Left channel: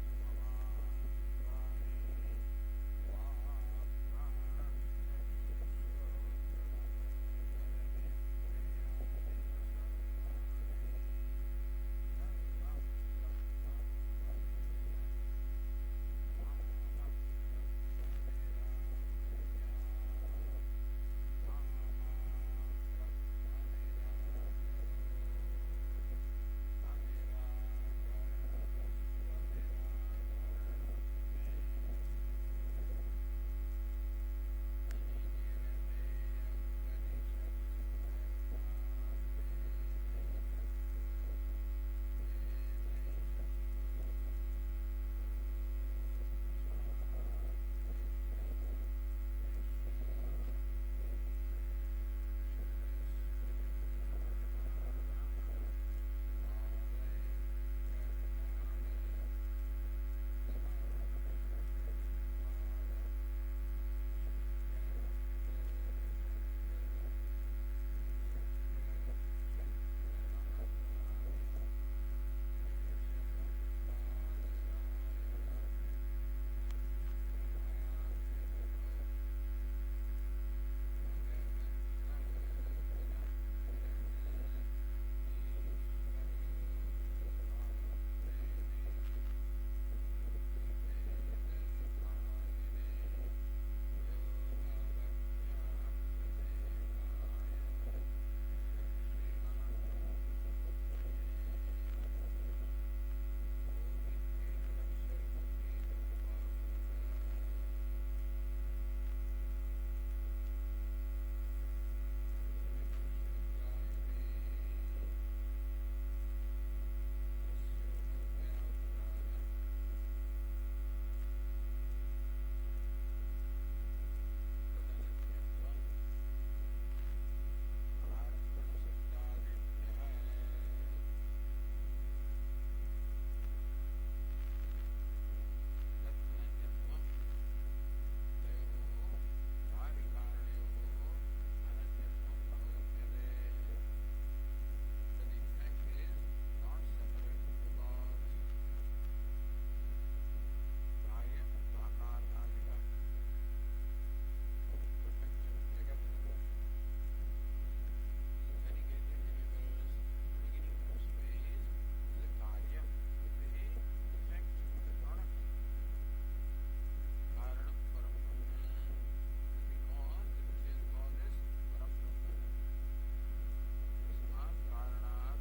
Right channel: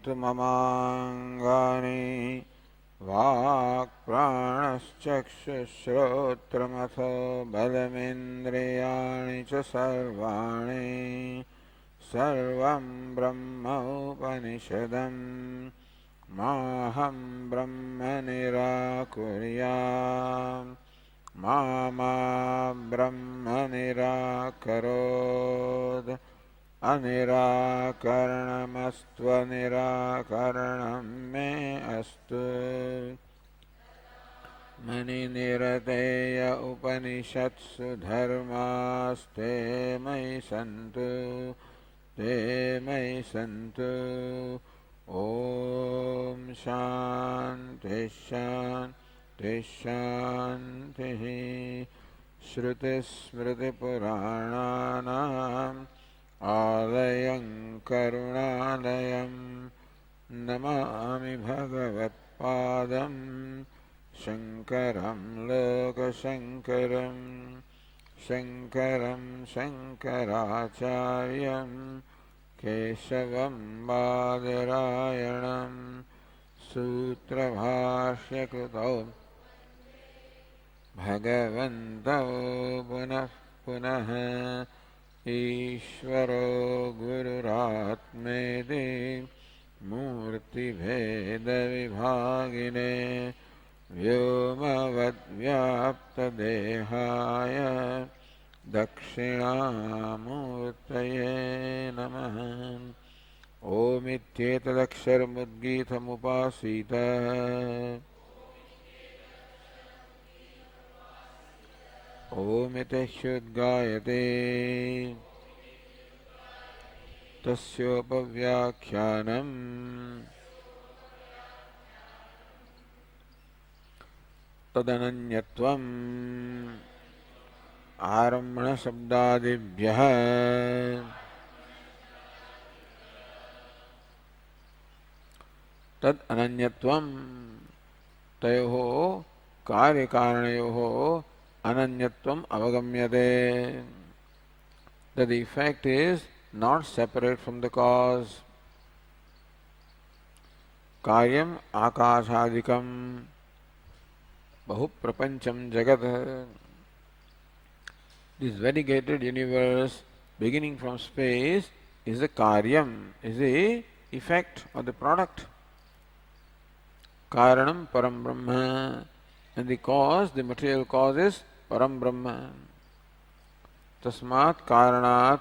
सन्तु ममाङ्गानि वाक्प्राणश्चक्षुश्रोत्रमथो बलमिन्द्रियाणि च सर्वाणि सर्वं ब्रह्म उपनिषदम् माहं ब्रह्म निराकुर्याम् मा ब्रह्म निराकरोत् अनिराकरणमस्त्वनिराकरणं मे अस्तु मनिनिरतेय उपनिषत्सु धर्मास्ते मयि सन्तु ते मयि सन्तु ॐ शान्ति शान्ति शान्तिः श्रुतिस्मृतिपुराणानाम् आलयं करुणालयं नमामि भगवत्पादं शङ्करं लोकशङ्करं शङ्करं शङ्कराचार्यं केशवं बादरायणं सूत्रभाष्यकृतौ भगवन्तौ पुनः पुनः ईश्वरो गुरुरात्मेति मूर्तिभेदविभागिने व्योमवद्व्याप्तदेहाय दक्षिणामूर्तये नमः। ओमित्येतदक्षरमुद्गीतमुपासीत ओमित्यह्युद्गायते तस्योपव्याख्यानम् तदनन्यत्वम् आरम्भणशब्दादिभ्यः तद् अनन्यत्वम् तयोः कार्यकारणयोः ananyatvam avagамyate, that the effect is not separate from the cause. Karyam akashadikam bahuprapancham jagat. This variegated universe beginning from space is the karyam, is the effect or the product. Karanam param brahma, and the cause, the material cause is Param Brahma. Tasmat Karanat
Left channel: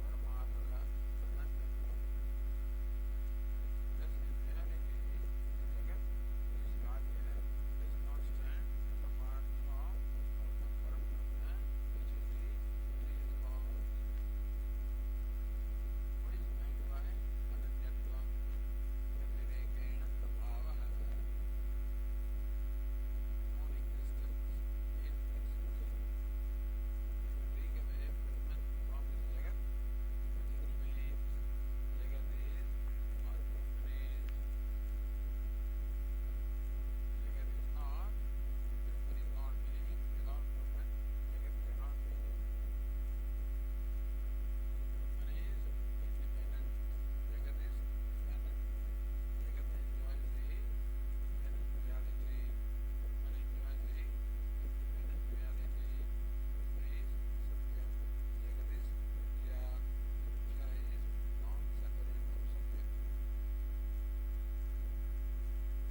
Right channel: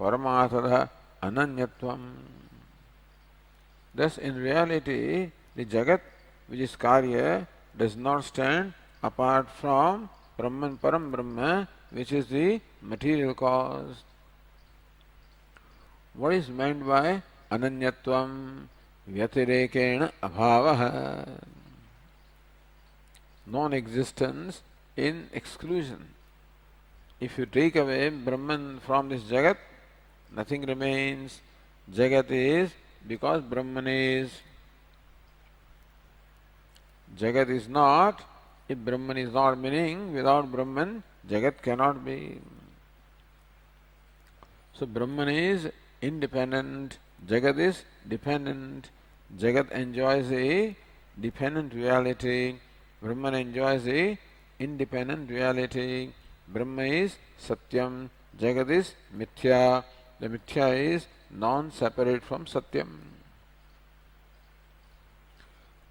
Paramathadha Ananyatvam. Thus, in reality, the Jagat, which is Karya, does not stand apart from Brahman Param Brahma, which is the material cause. What is meant by Ananyatvam? Vyatirekena Abhavaha. Non-existence in exclusion. If you take away Brahman from this Jagat, nothing remains. Jagat is because Brahman is. Jagat is not. If Brahman is not, meaning without Brahman, Jagat cannot be. So Brahman is independent, Jagat is dependent. Jagat enjoys a dependent reality. Brahman enjoys a independent reality. Brahma is Satyam, Jagat is Mithya. The Mithya is non-separate from Satyam.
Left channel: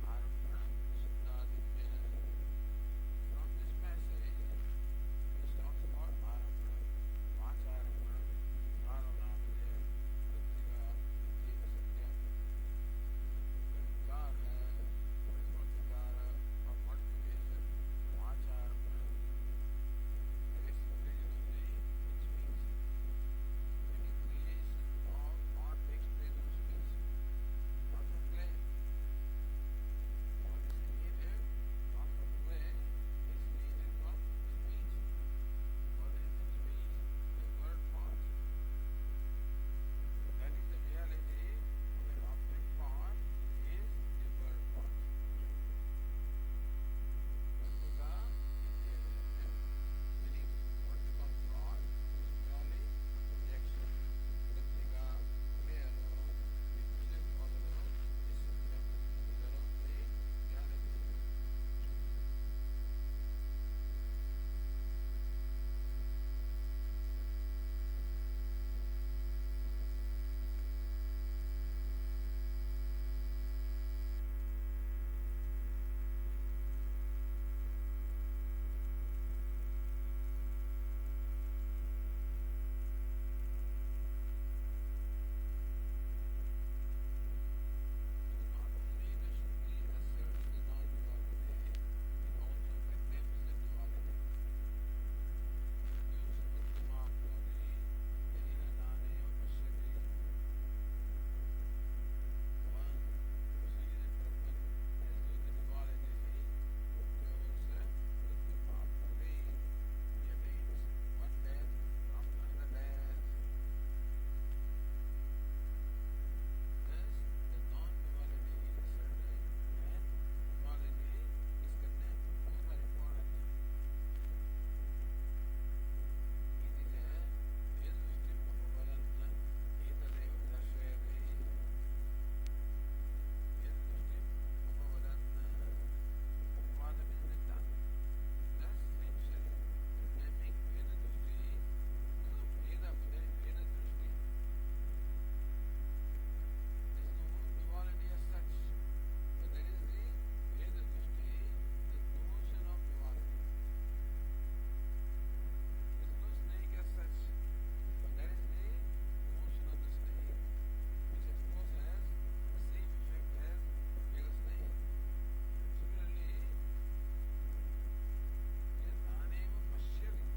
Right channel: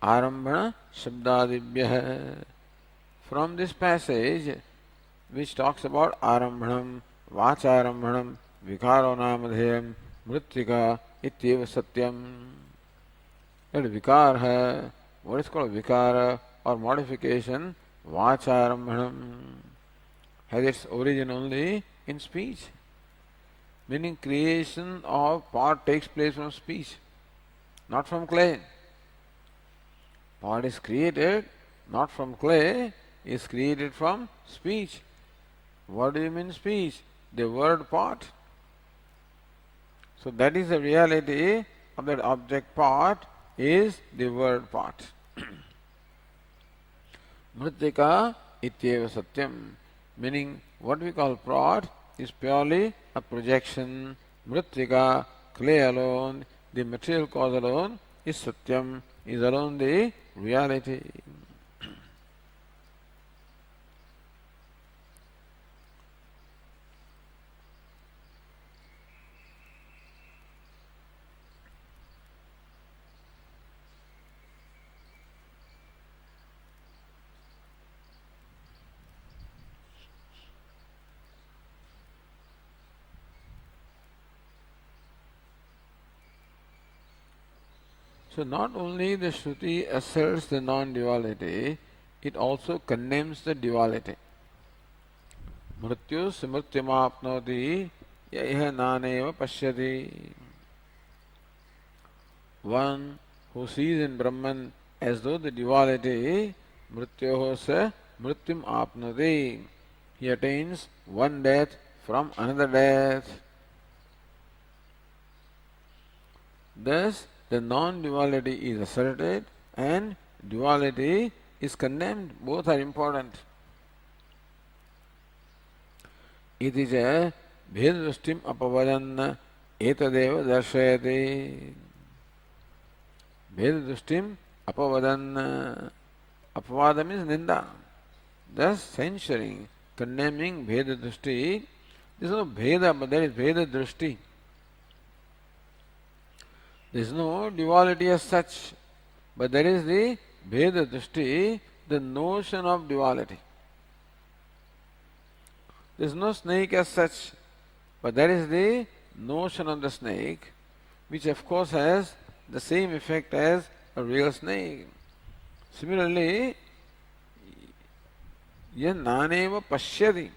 Arambhana Shabdadibhyah. From this passage, which talks about Arambhanam, Vacharambhanam, Vikaro Namadheyam, Mritika, Ityeva Satyam. That Vikar hai, what is called Vikara or modification, Vacharambhanam, has its origin only in speech. Meaning creation of pot takes place from speech, not from clay. Pot is created not from clay, is created from speech. What do you mean speech? The word pot. So that is the reality of that object pot, is the word pot. Mritika ityeva satyam, meaning what we call pot is purely a projection. Mritika, clay alone, the material cause alone is Satyam, is alone the reality. So not only the Shruti asserts the non-duality, it also condemns the duality. Mrityu smrityamapnoti yaiha naneva pashyati. One who sees in Brahman as though the duality, mrityoho sa mrityum apnoti. He attains one death from another death. Thus, the non-duality is asserted and duality is condemned. Both are important. इति च भेददृष्टिम् अपवदन् एतदेव दर्शयति. भेददृष्टिम् अपवदन्. Apavada means ninda. Thus censuring, condemning Bheda Drishti. There is no Bheda, but there is Bheda Drishti. There is no duality as such, but there is the Bheda Drishti, the notion of duality. There is no snake as such, but there is the notion of the snake, which of course has the same effect as a real snake. Similarly, yah naneva pashyati.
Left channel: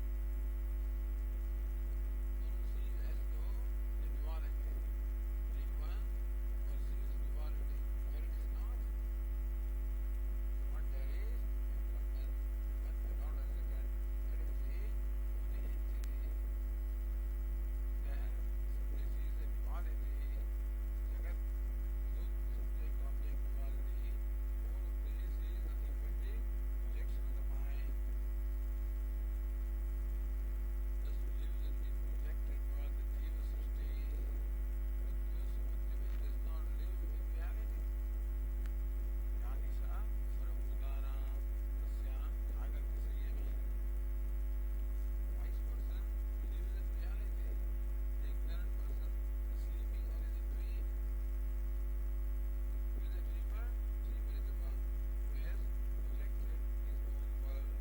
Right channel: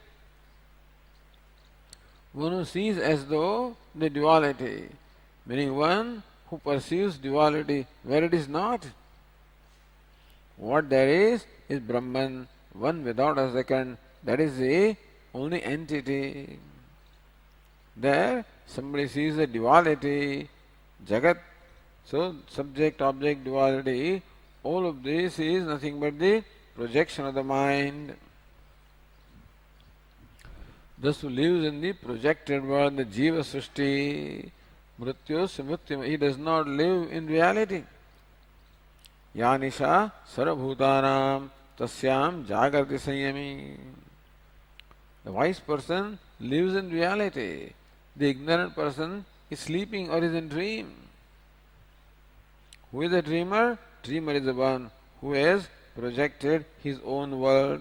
One who sees as though the duality, meaning one who perceives duality where it is not. What there is Brahman, one without a second, that is the only entity. There somebody sees the duality, Jagat, so subject-object duality, all of this is nothing but the projection of the mind. Thus who lives in the projected world, the Jiva Srishti, Mrityu Smrityam, he does not live in reality. Yanisha Sarabhutanam Tasyam Jagrati Sanyami. The wise person lives in reality. The ignorant person is sleeping or is in dream. Who is the dreamer? Dreamer is the one who has projected his own world.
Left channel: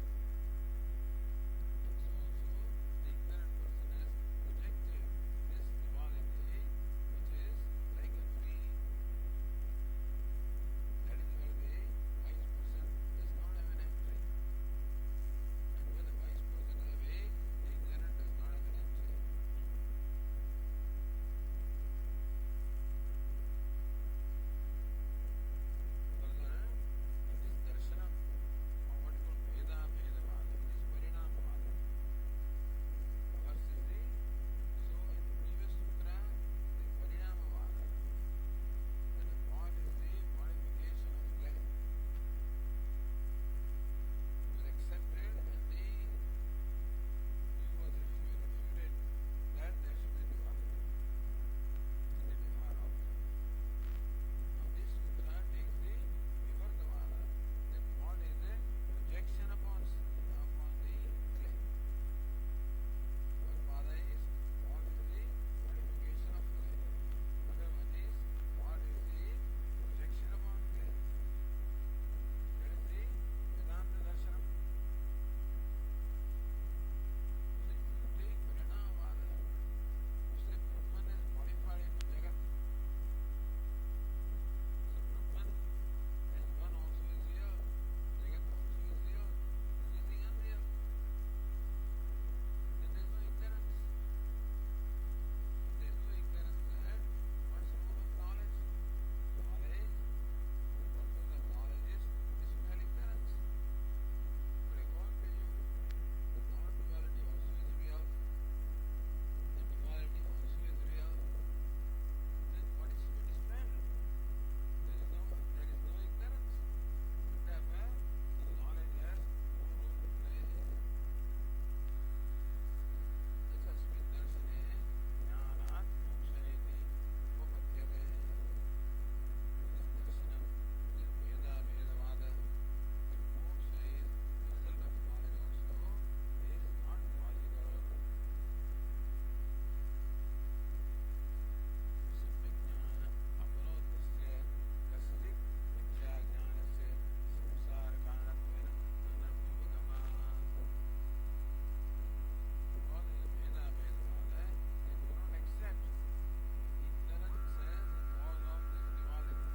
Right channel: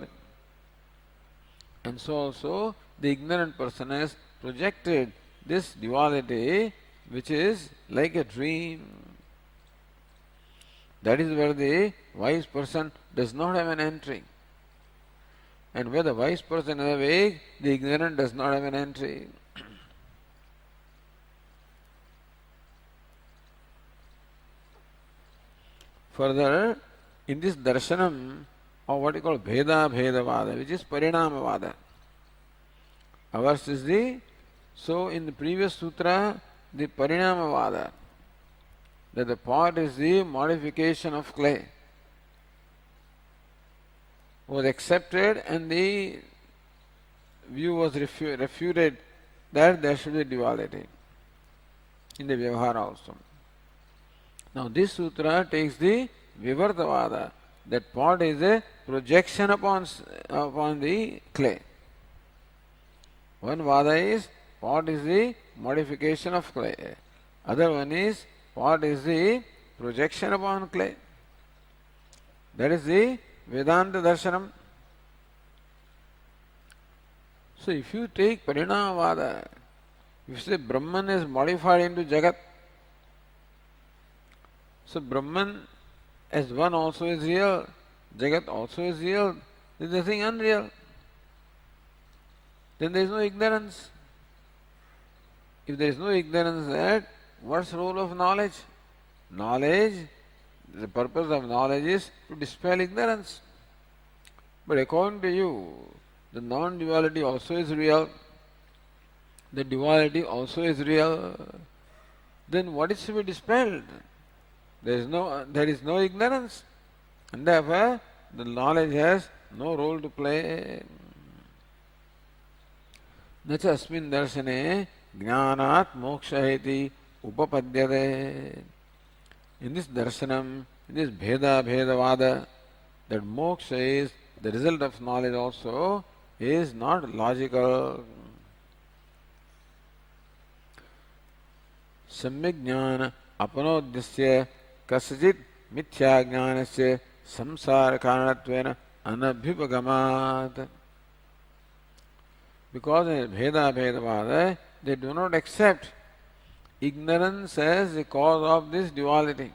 And so also the ignorant person has projected this duality, which is like a dream. That is where the wise person does not have an entry. And where the wise person is awake, the ignorant does not have an entry. Further, in this darshanam of what we call Bheda Bhedavada, which is Parinamavada, ours is the, so in the previous sutra, the Parinamavada, that the pot is the modification of clay, was accepted and the view was refuted that there should be duality in the Vyavahara also. Now this sutra takes the Vivartavada, that pot is a projection upon the clay. One vada is pot is the modification of clay. Other one is pot is the projection upon clay. That is the Vedanta Darshanam. So if you take Parinamavada, if you say Brahman is modified into Jagat, so Brahman as one also is real, Jagat also is real, there is nothing unreal. Then there is no ignorance. If there is no ignorance, that what's the role of knowledge? Knowledge, the purpose of knowledge is to dispel ignorance. But according to you, the non-duality also is real, the duality also is real. Then what is to be dispelled? There is no ignorance, and therefore the knowledge has no role to play. न च अस्मिन् दर्शने ज्ञानात् मोक्षः इति उपपद्यते. in this darshanam, in this bhedavada, that moksha is the result of knowledge also is not logical. सम्यक् ज्ञान अपनोद्यस्य कस्यचित् मिथ्या ज्ञानस्य संसार कारणत्वेन अनभ्युपगमात्. Because in Bhedavada, they do not accept ignorance as the cause of this duality.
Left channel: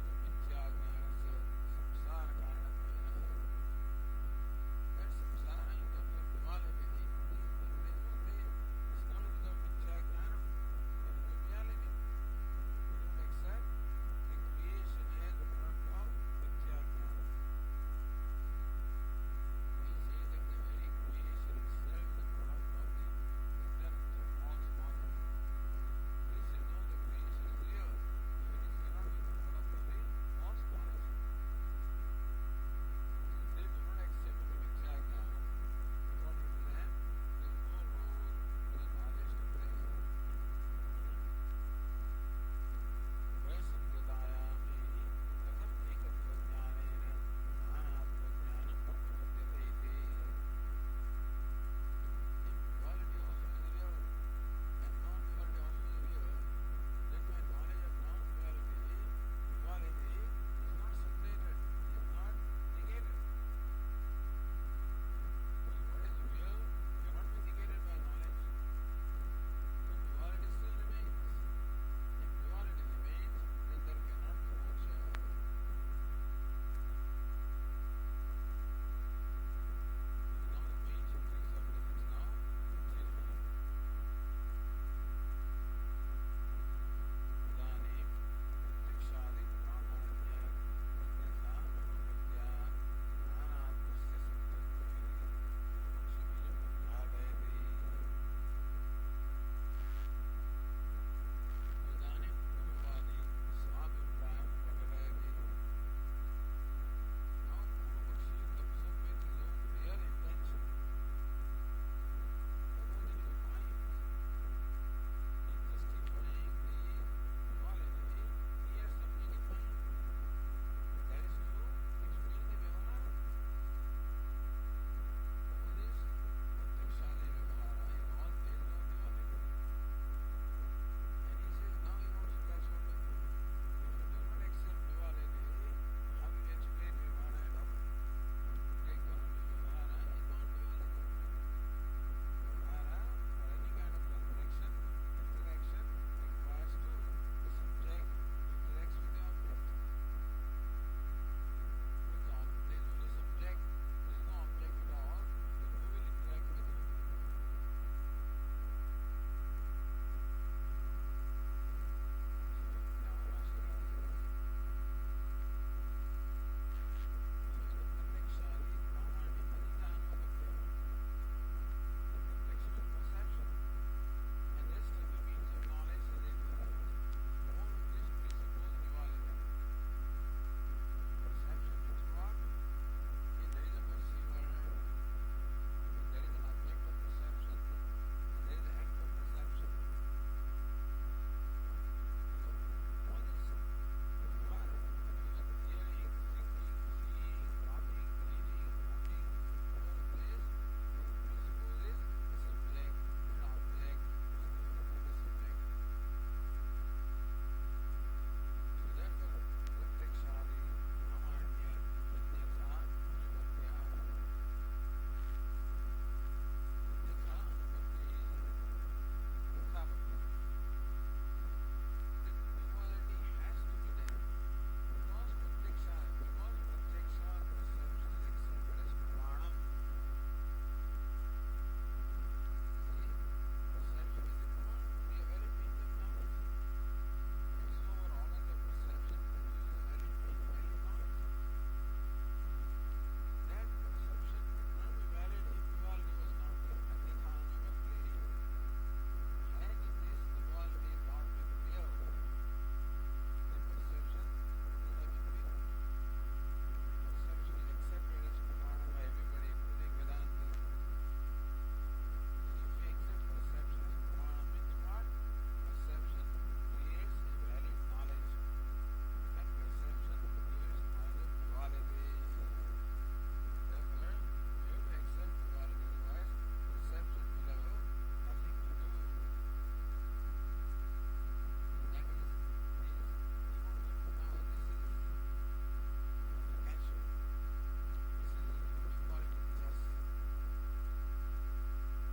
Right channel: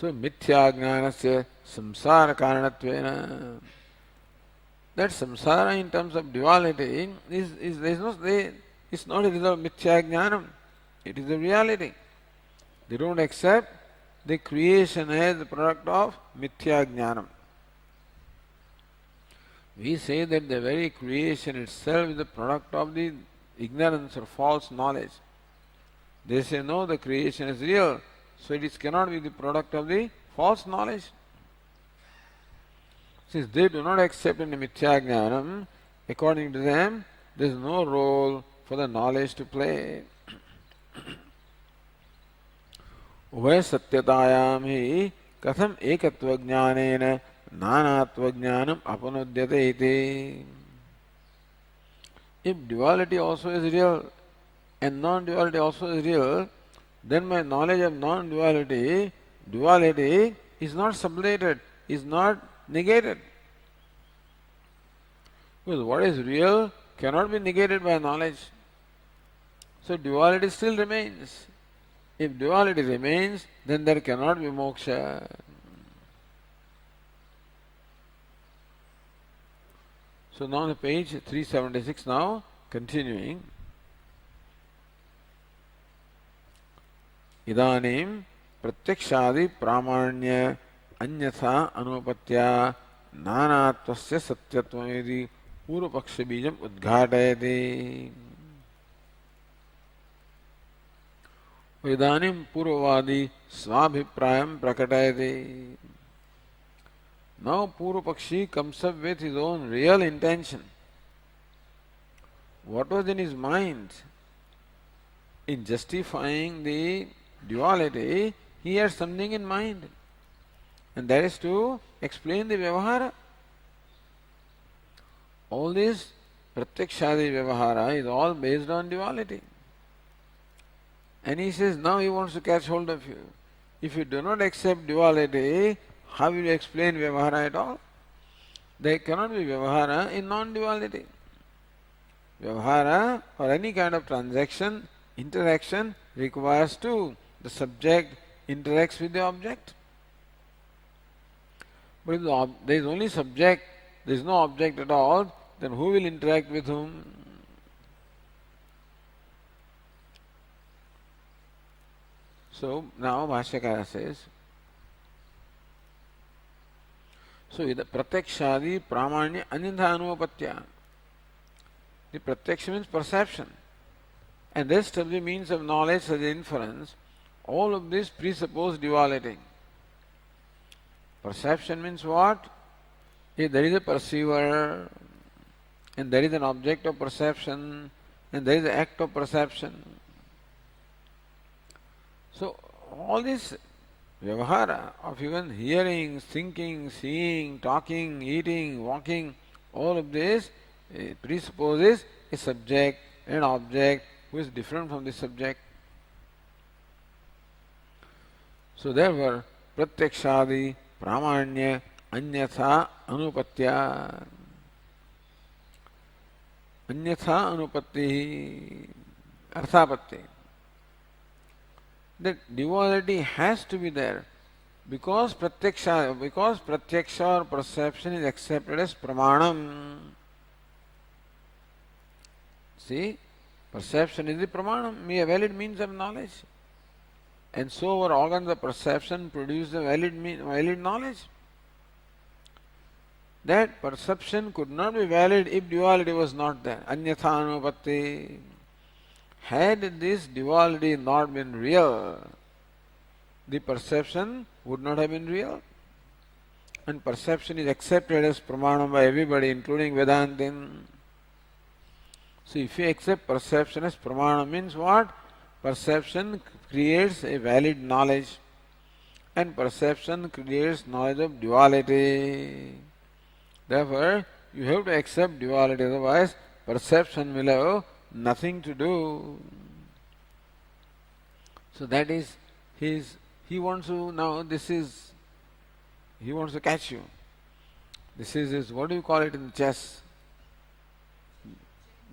So mithya jnanasya samsara karanattvena, that samsara in terms of duality is not a result of mithya jnanam, it is a reality. They don't accept the creation as the product of mithya jnanam. We say that the very creation itself is the product of the ignorance or false knowledge. They say no, the creation is real, so it cannot be the product of the false knowledge. Since they do not accept any mithya jnanam, according to them, there is no role for the knowledge to play. उभय सत्यतायाम ही कथम एकत्व ज्ञानेन नानात्व ज्ञानम अपनुद्यते इति. If duality also is real and non-duality also is real, then my knowledge of non-duality, duality is not sublated, is not negated. Because what is real cannot be negated by knowledge. So duality still remains. If duality remains, then there cannot be moksha. So now on page 376 now, continuing. इदानीं प्रत्यक्षादि प्रामाण्य अन्यथा अनुपत्या नानात्वस्य सत्यत्वमिति पूर्वपक्ष बीजम् उद्घाटयति. इदानीं पूर्ववादी स्वाभिप्रायं प्रकटयति. Now Purvapakshi comes up with his own real intention. What was in his mind? In justifying the duality, he had something in mind, and that is to explain the Vyavahara. All this Pratyakshadi Vyavahara is all based on duality. And he says now he wants to catch hold of you. If you do not accept duality, how will you explain Vyavahara at all? There cannot be Vyavahara in non-duality. Vyavahara or any kind of transaction, interaction requires two. The subject interacts with the object. But if there is only subject, there is no object at all, then who will interact with whom? So now Bhashyakara says, so the pratyakshadi pramanya anyatha anupatya. The pratyaksha means perception, and rest of the means of knowledge such as inference, all of this presuppose duality. Perception means what? If there is a perceiver, and there is an object of perception, and there is an act of perception. So all this Vyavahara of even hearing, thinking, seeing, talking, eating, walking, all of this presupposes a subject and object who is different from the subject. So therefore, pratyakshadi pramanya anyatha anupatya. Anyatha anupatti arthapatti. That duality has to be there because pratyaksha or perception is accepted as pramanam. See, perception is the pramanam, a valid means of knowledge, and so our organs of perception produce a valid knowledge. That perception could not be valid if duality was not there. Anyatha anupatti. Had this duality not been real, the perception would not have been real. And perception is accepted as pramanam by everybody, including Vedantin. So if you accept perception as pramanam, means what? Perception creates a valid knowledge, and perception creates knowledge of duality. Therefore, you have to accept duality, otherwise perception will have nothing to do. So that is he wants to now he wants to catch you. This is his, what do you call it in chess?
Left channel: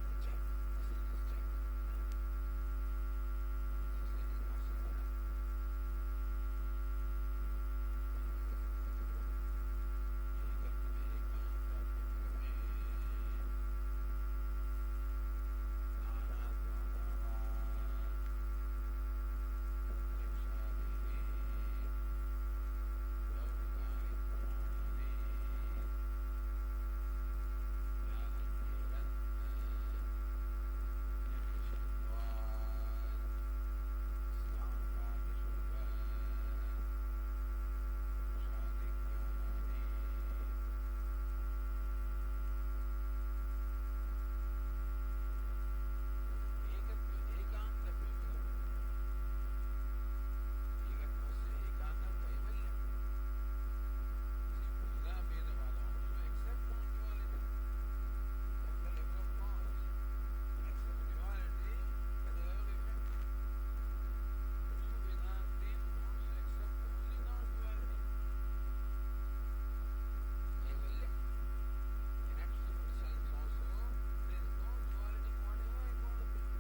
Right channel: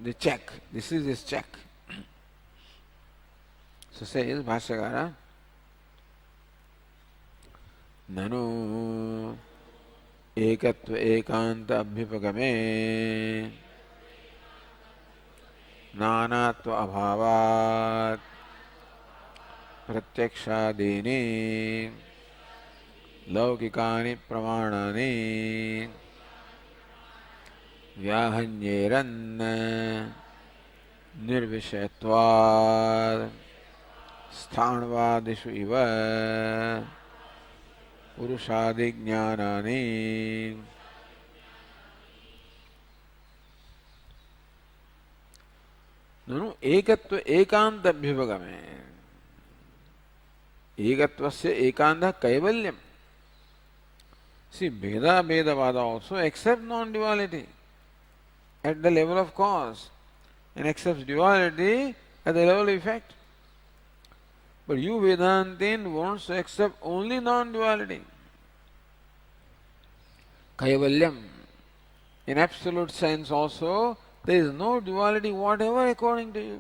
The check. This is his check. So says Bhashyakara, Nanu ekatva ekanta abhipagame nanatva abhavat प्रत्यक्षादीनि लौकिकानि प्रमाणानि व्याहन्येरन् निर्विषयत्वात् स्थाणवादिषु इव पुरुषादिज्ञानानि ननु एकत्व एकांत अभ्युपगमे एकत्वस्य एकांतः Kaivalyam. See, Vedavada also accepts non-duality at the level of cause and accepts duality at the level of effect. But you Vedantin wants to accept only non-duality. Kaivalyam. In absolute sense also, there is no duality whatever according to you.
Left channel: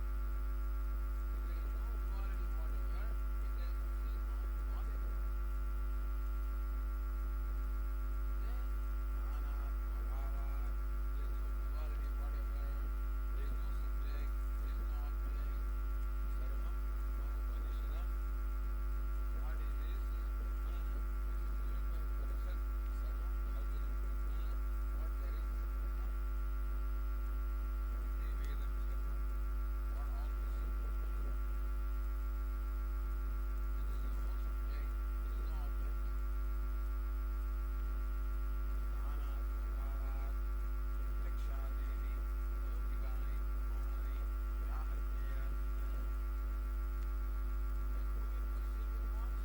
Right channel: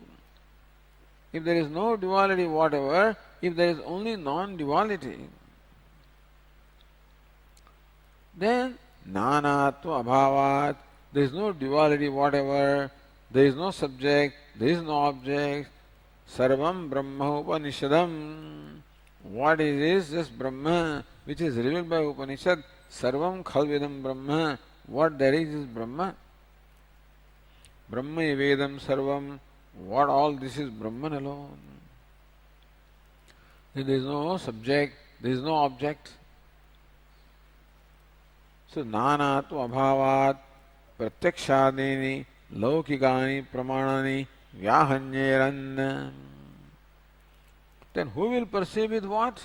If there is no duality whatever, if there is only non-duality, then nanatva abhavat, there is no duality whatever, there is no subject, there is no object, sarvam brahma upanishadam. What is this Brahma which is revealed by Upanishad? Sarvam khalvidam Brahma. What there is Brahma. Brahma vedam sarvam. What all this is Brahman alone. There is no subject, there is no object. So nanatu abhavat pratyakshadini laukikani pramanani vyahanyeran. Then who will perceive with what?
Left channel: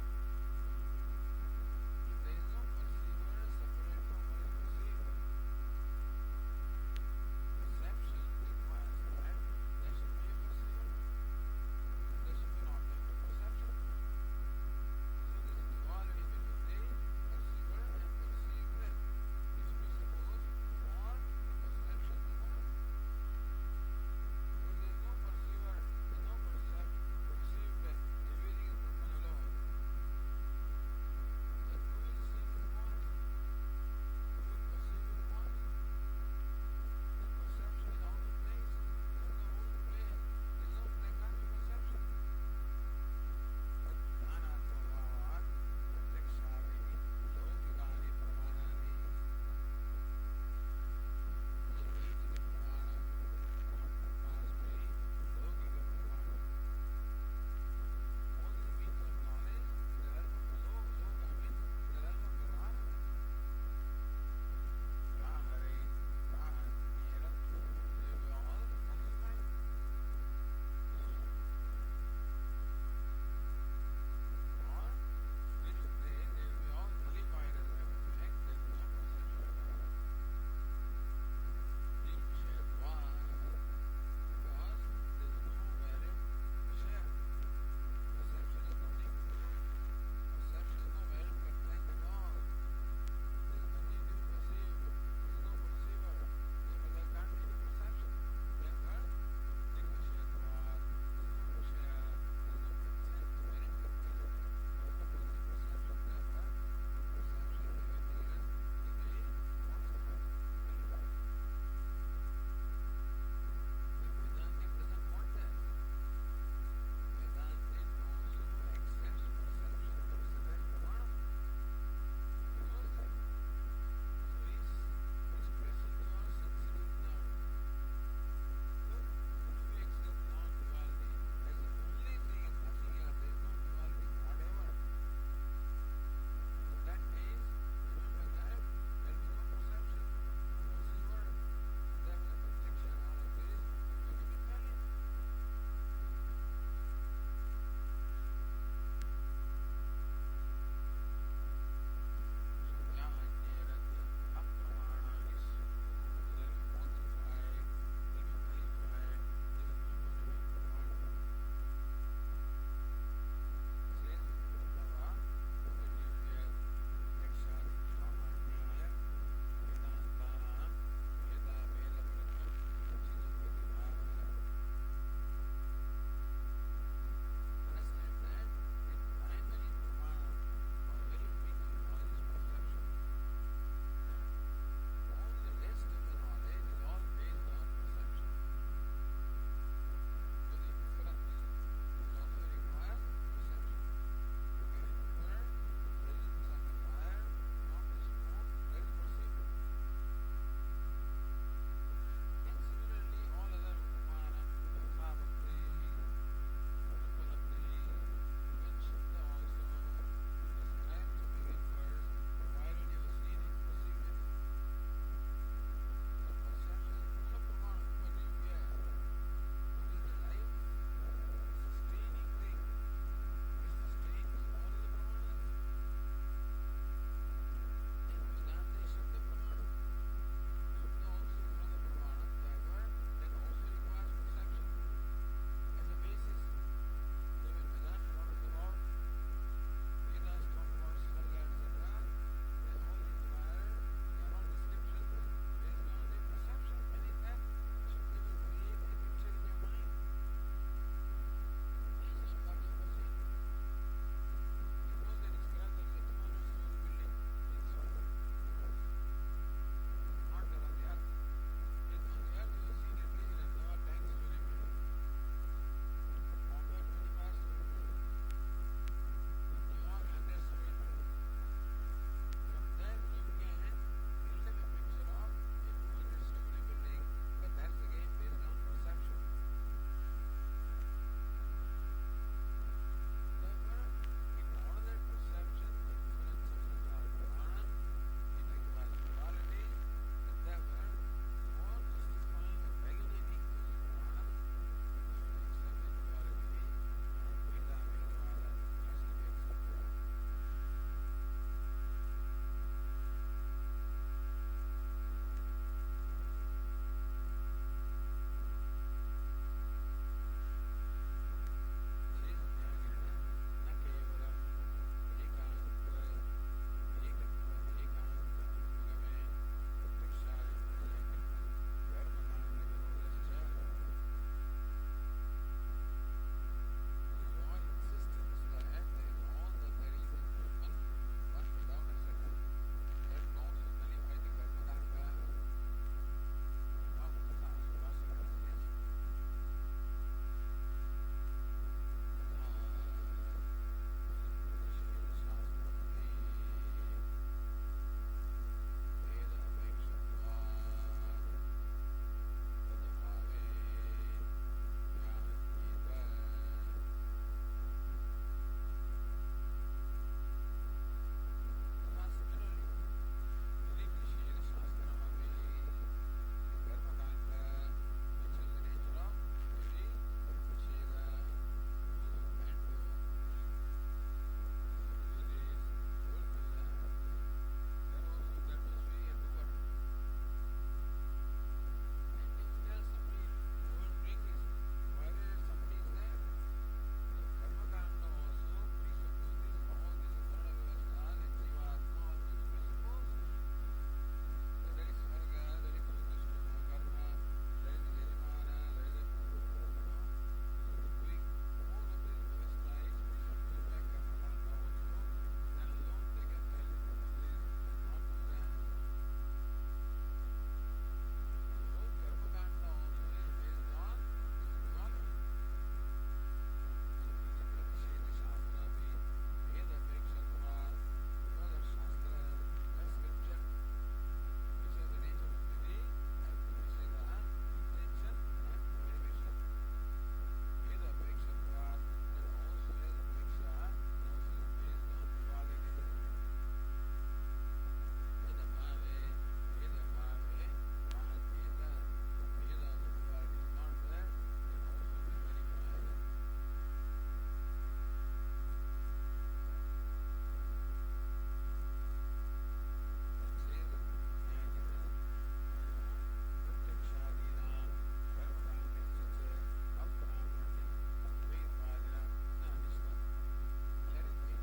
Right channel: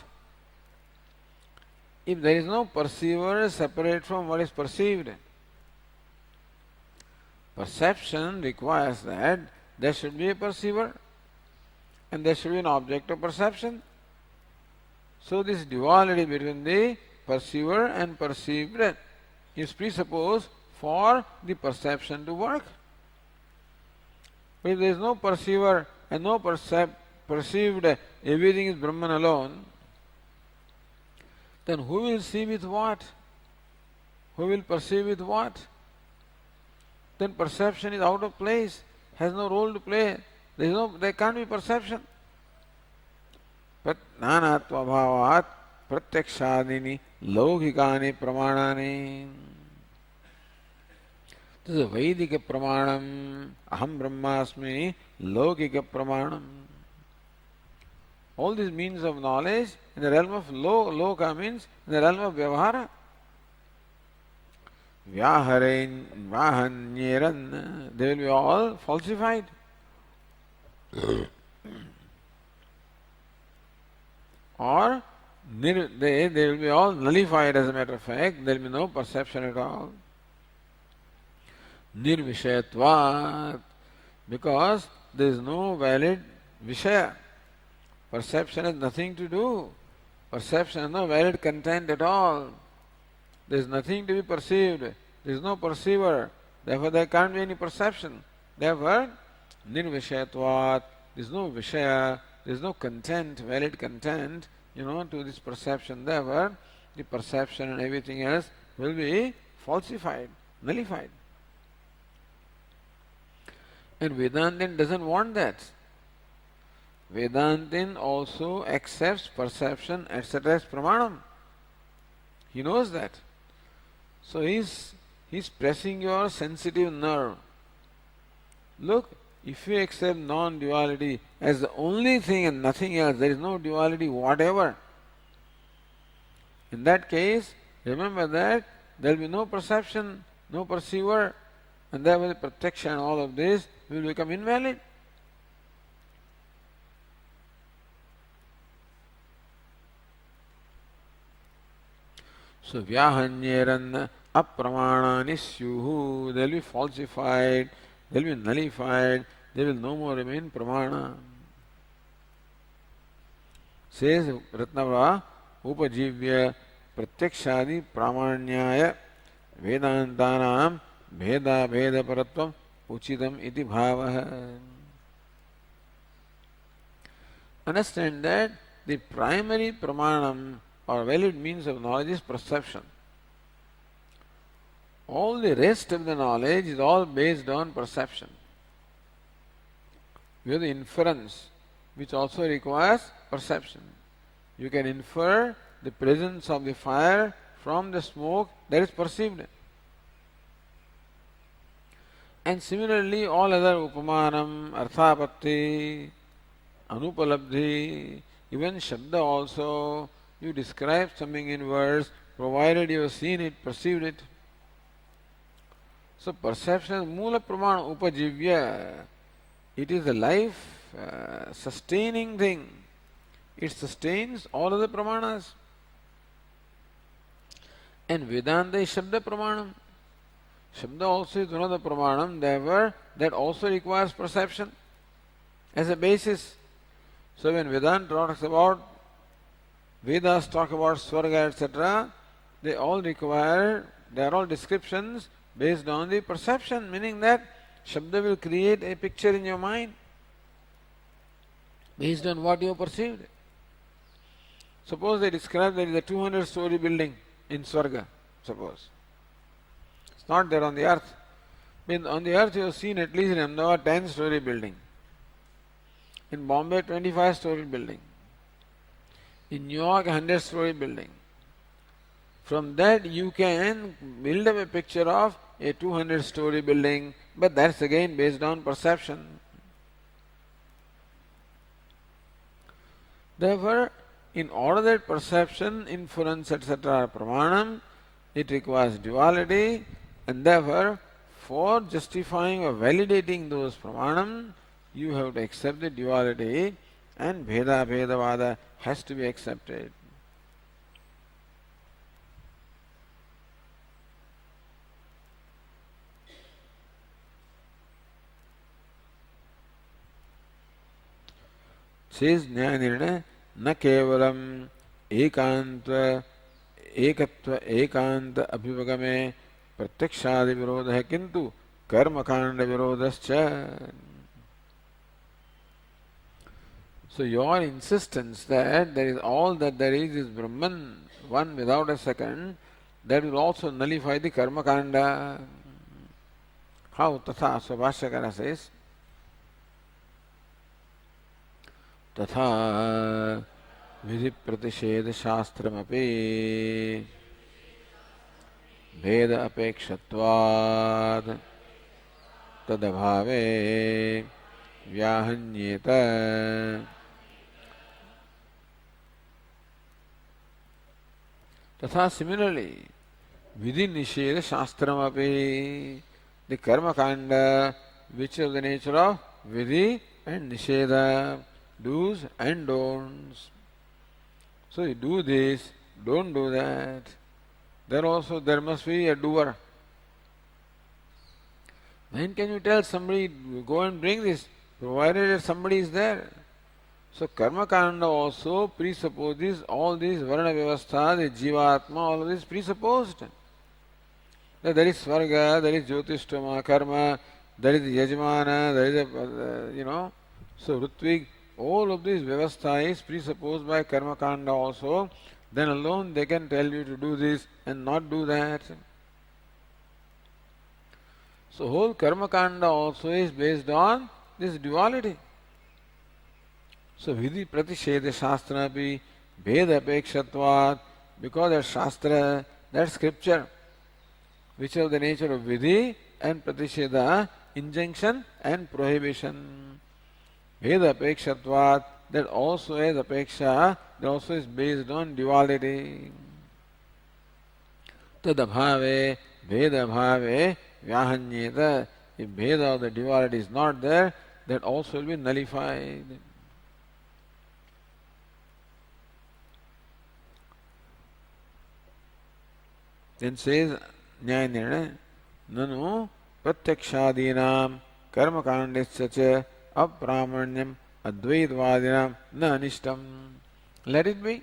If there is no perceiver separate from what is perceived, perception requires that there should be a perceiver and there should be an object of perception. So this duality between the perceiver and perceived is presupposed for the perception to work. But if there is no perceiver and no perceived, everything is Brahman alone, then who will see with what? Who will perceive with what? Then perception is out of place, has no role to play. There can't be perception. But nanatva bhavat pratyakshadini laukikani pramanani. This is a Vedika pramanam. Aham brahmasmi laukika pramanam. All these means of knowledge in the realm of loka means in the realm of vyavahara. Vyahanyeran, they will be all falsified. Or they will be all nullified. As a matter of fact, there will be no perception at all. Nirvishayatvat, because there is no valid Vishaya. Perception has nothing to do. Perception has no valid content at all. There is nothing to be perceived. There is no perceiver. Therefore, there can't be any perception. Therefore, nirvishayatvat, there is no Vishaya, there is no content, valid content, to this perception. Therefore, the perception and everything else will be falsified, nullified. And Vedantin doesn't want that. Vedantin also accepts perception, etc. as pramanam. He knows that. So he's pressing your sensitive nerve. Look, if you accept non-duality as the only thing and nothing else, there is no duality whatever. In that case, remember that there will be no perception, no perceiver, and therefore the protection and all of this will become invalid. So vyahanyeran apramana syuhu, they will be falsified, they will be nullified, they will no more remain pramana. Says Ratnava upajivya pratyakshadi pramanyaya vedantanam bheda bheda paratvam uchitam iti bhavah. Understand that the primary pramanam or valid means of knowledge is perception. All the rest of the knowledge is all based on perception. We have the inference, which also requires perception. You can infer the presence of the fire from the smoke that is perceived. And similarly, all other upamanam, arthapatti, anupalabdhi, even shabda also, you describe something in words provided you have seen it, perceived it. So perception, mula pramana upajivya, it is a life sustaining thing. It sustains all other pramanas. And Vedanta is Shabda Pramanam. Shabda also is one of the Pramanam, therefore that also requires perception as a basis. So when Vedanta talks about, Vedas talk about Swarga, etc., they are all descriptions based on the perception, meaning that Shabda will create a picture in your mind based on what you have perceived. Suppose they describe there is a 200-story building in Swarga, suppose. It's not there on the earth. On the earth you have seen at least in Ahmedabad 10-story building. In Bombay 25-story building. In New York 100-story building. From that you can build up a picture of a 200-story building, but that's again based on perception. Therefore, in order that perception, inference, etc. are pramanam, it requires duality, and therefore, for justifying or validating those pramanam, you have to accept the duality, and bheda bhedavada has to be accepted. Says Nyanirna, न केवलम एकत्व एकांत अभिवगमे प्रत्यक्षादि विरोध है किंतु कर्मकांड विरोधश्च. So your insistence that there is all that there is Brahman, one without a second, that will also nullify the karma kanda. How? Tatha. So Bhashyakara says, तथा विधि प्रतिषेध शास्त्रमपि भेद अपेक्षत्वात् तदभावे व्याहन्येत. तथा similarly विधि निषेध शास्त्रमपि, the karma kanda which is the nature of vidhi and nisheda, do's and don'ts. So you do this, don't do that. There also there must be a doer. When can you tell somebody go and bring this, provided that somebody is there? So karma kanda also presupposes all these varna vyavastha, the jivatma, all of this presupposed. That there is svarga, there is jyotishtama, karma, there is yajmana, there is a so rutvig. All of this vyavastha is presupposed by karma kanda also. Then alone they can tell you to do this and not do that. So whole karma kanda also is based on this duality. So vidhi pratisheda shastra api bheda apekshatvat, because that shastra, that scripture, which is the nature of vidhi and pratisheda, injunction and prohibition. Veda apekshatvat, that also is apeksha, that also is based on duality. Tadabhave, Veda bhave, vyahanyeta. If Veda or the duality is not there, that also will be nullified. Then says Nyaya Nirnaya, Nanu Pratyakshaadinam Karma Kandisya Apramanyam Advaitvadinam Na Anishtam. Let it be.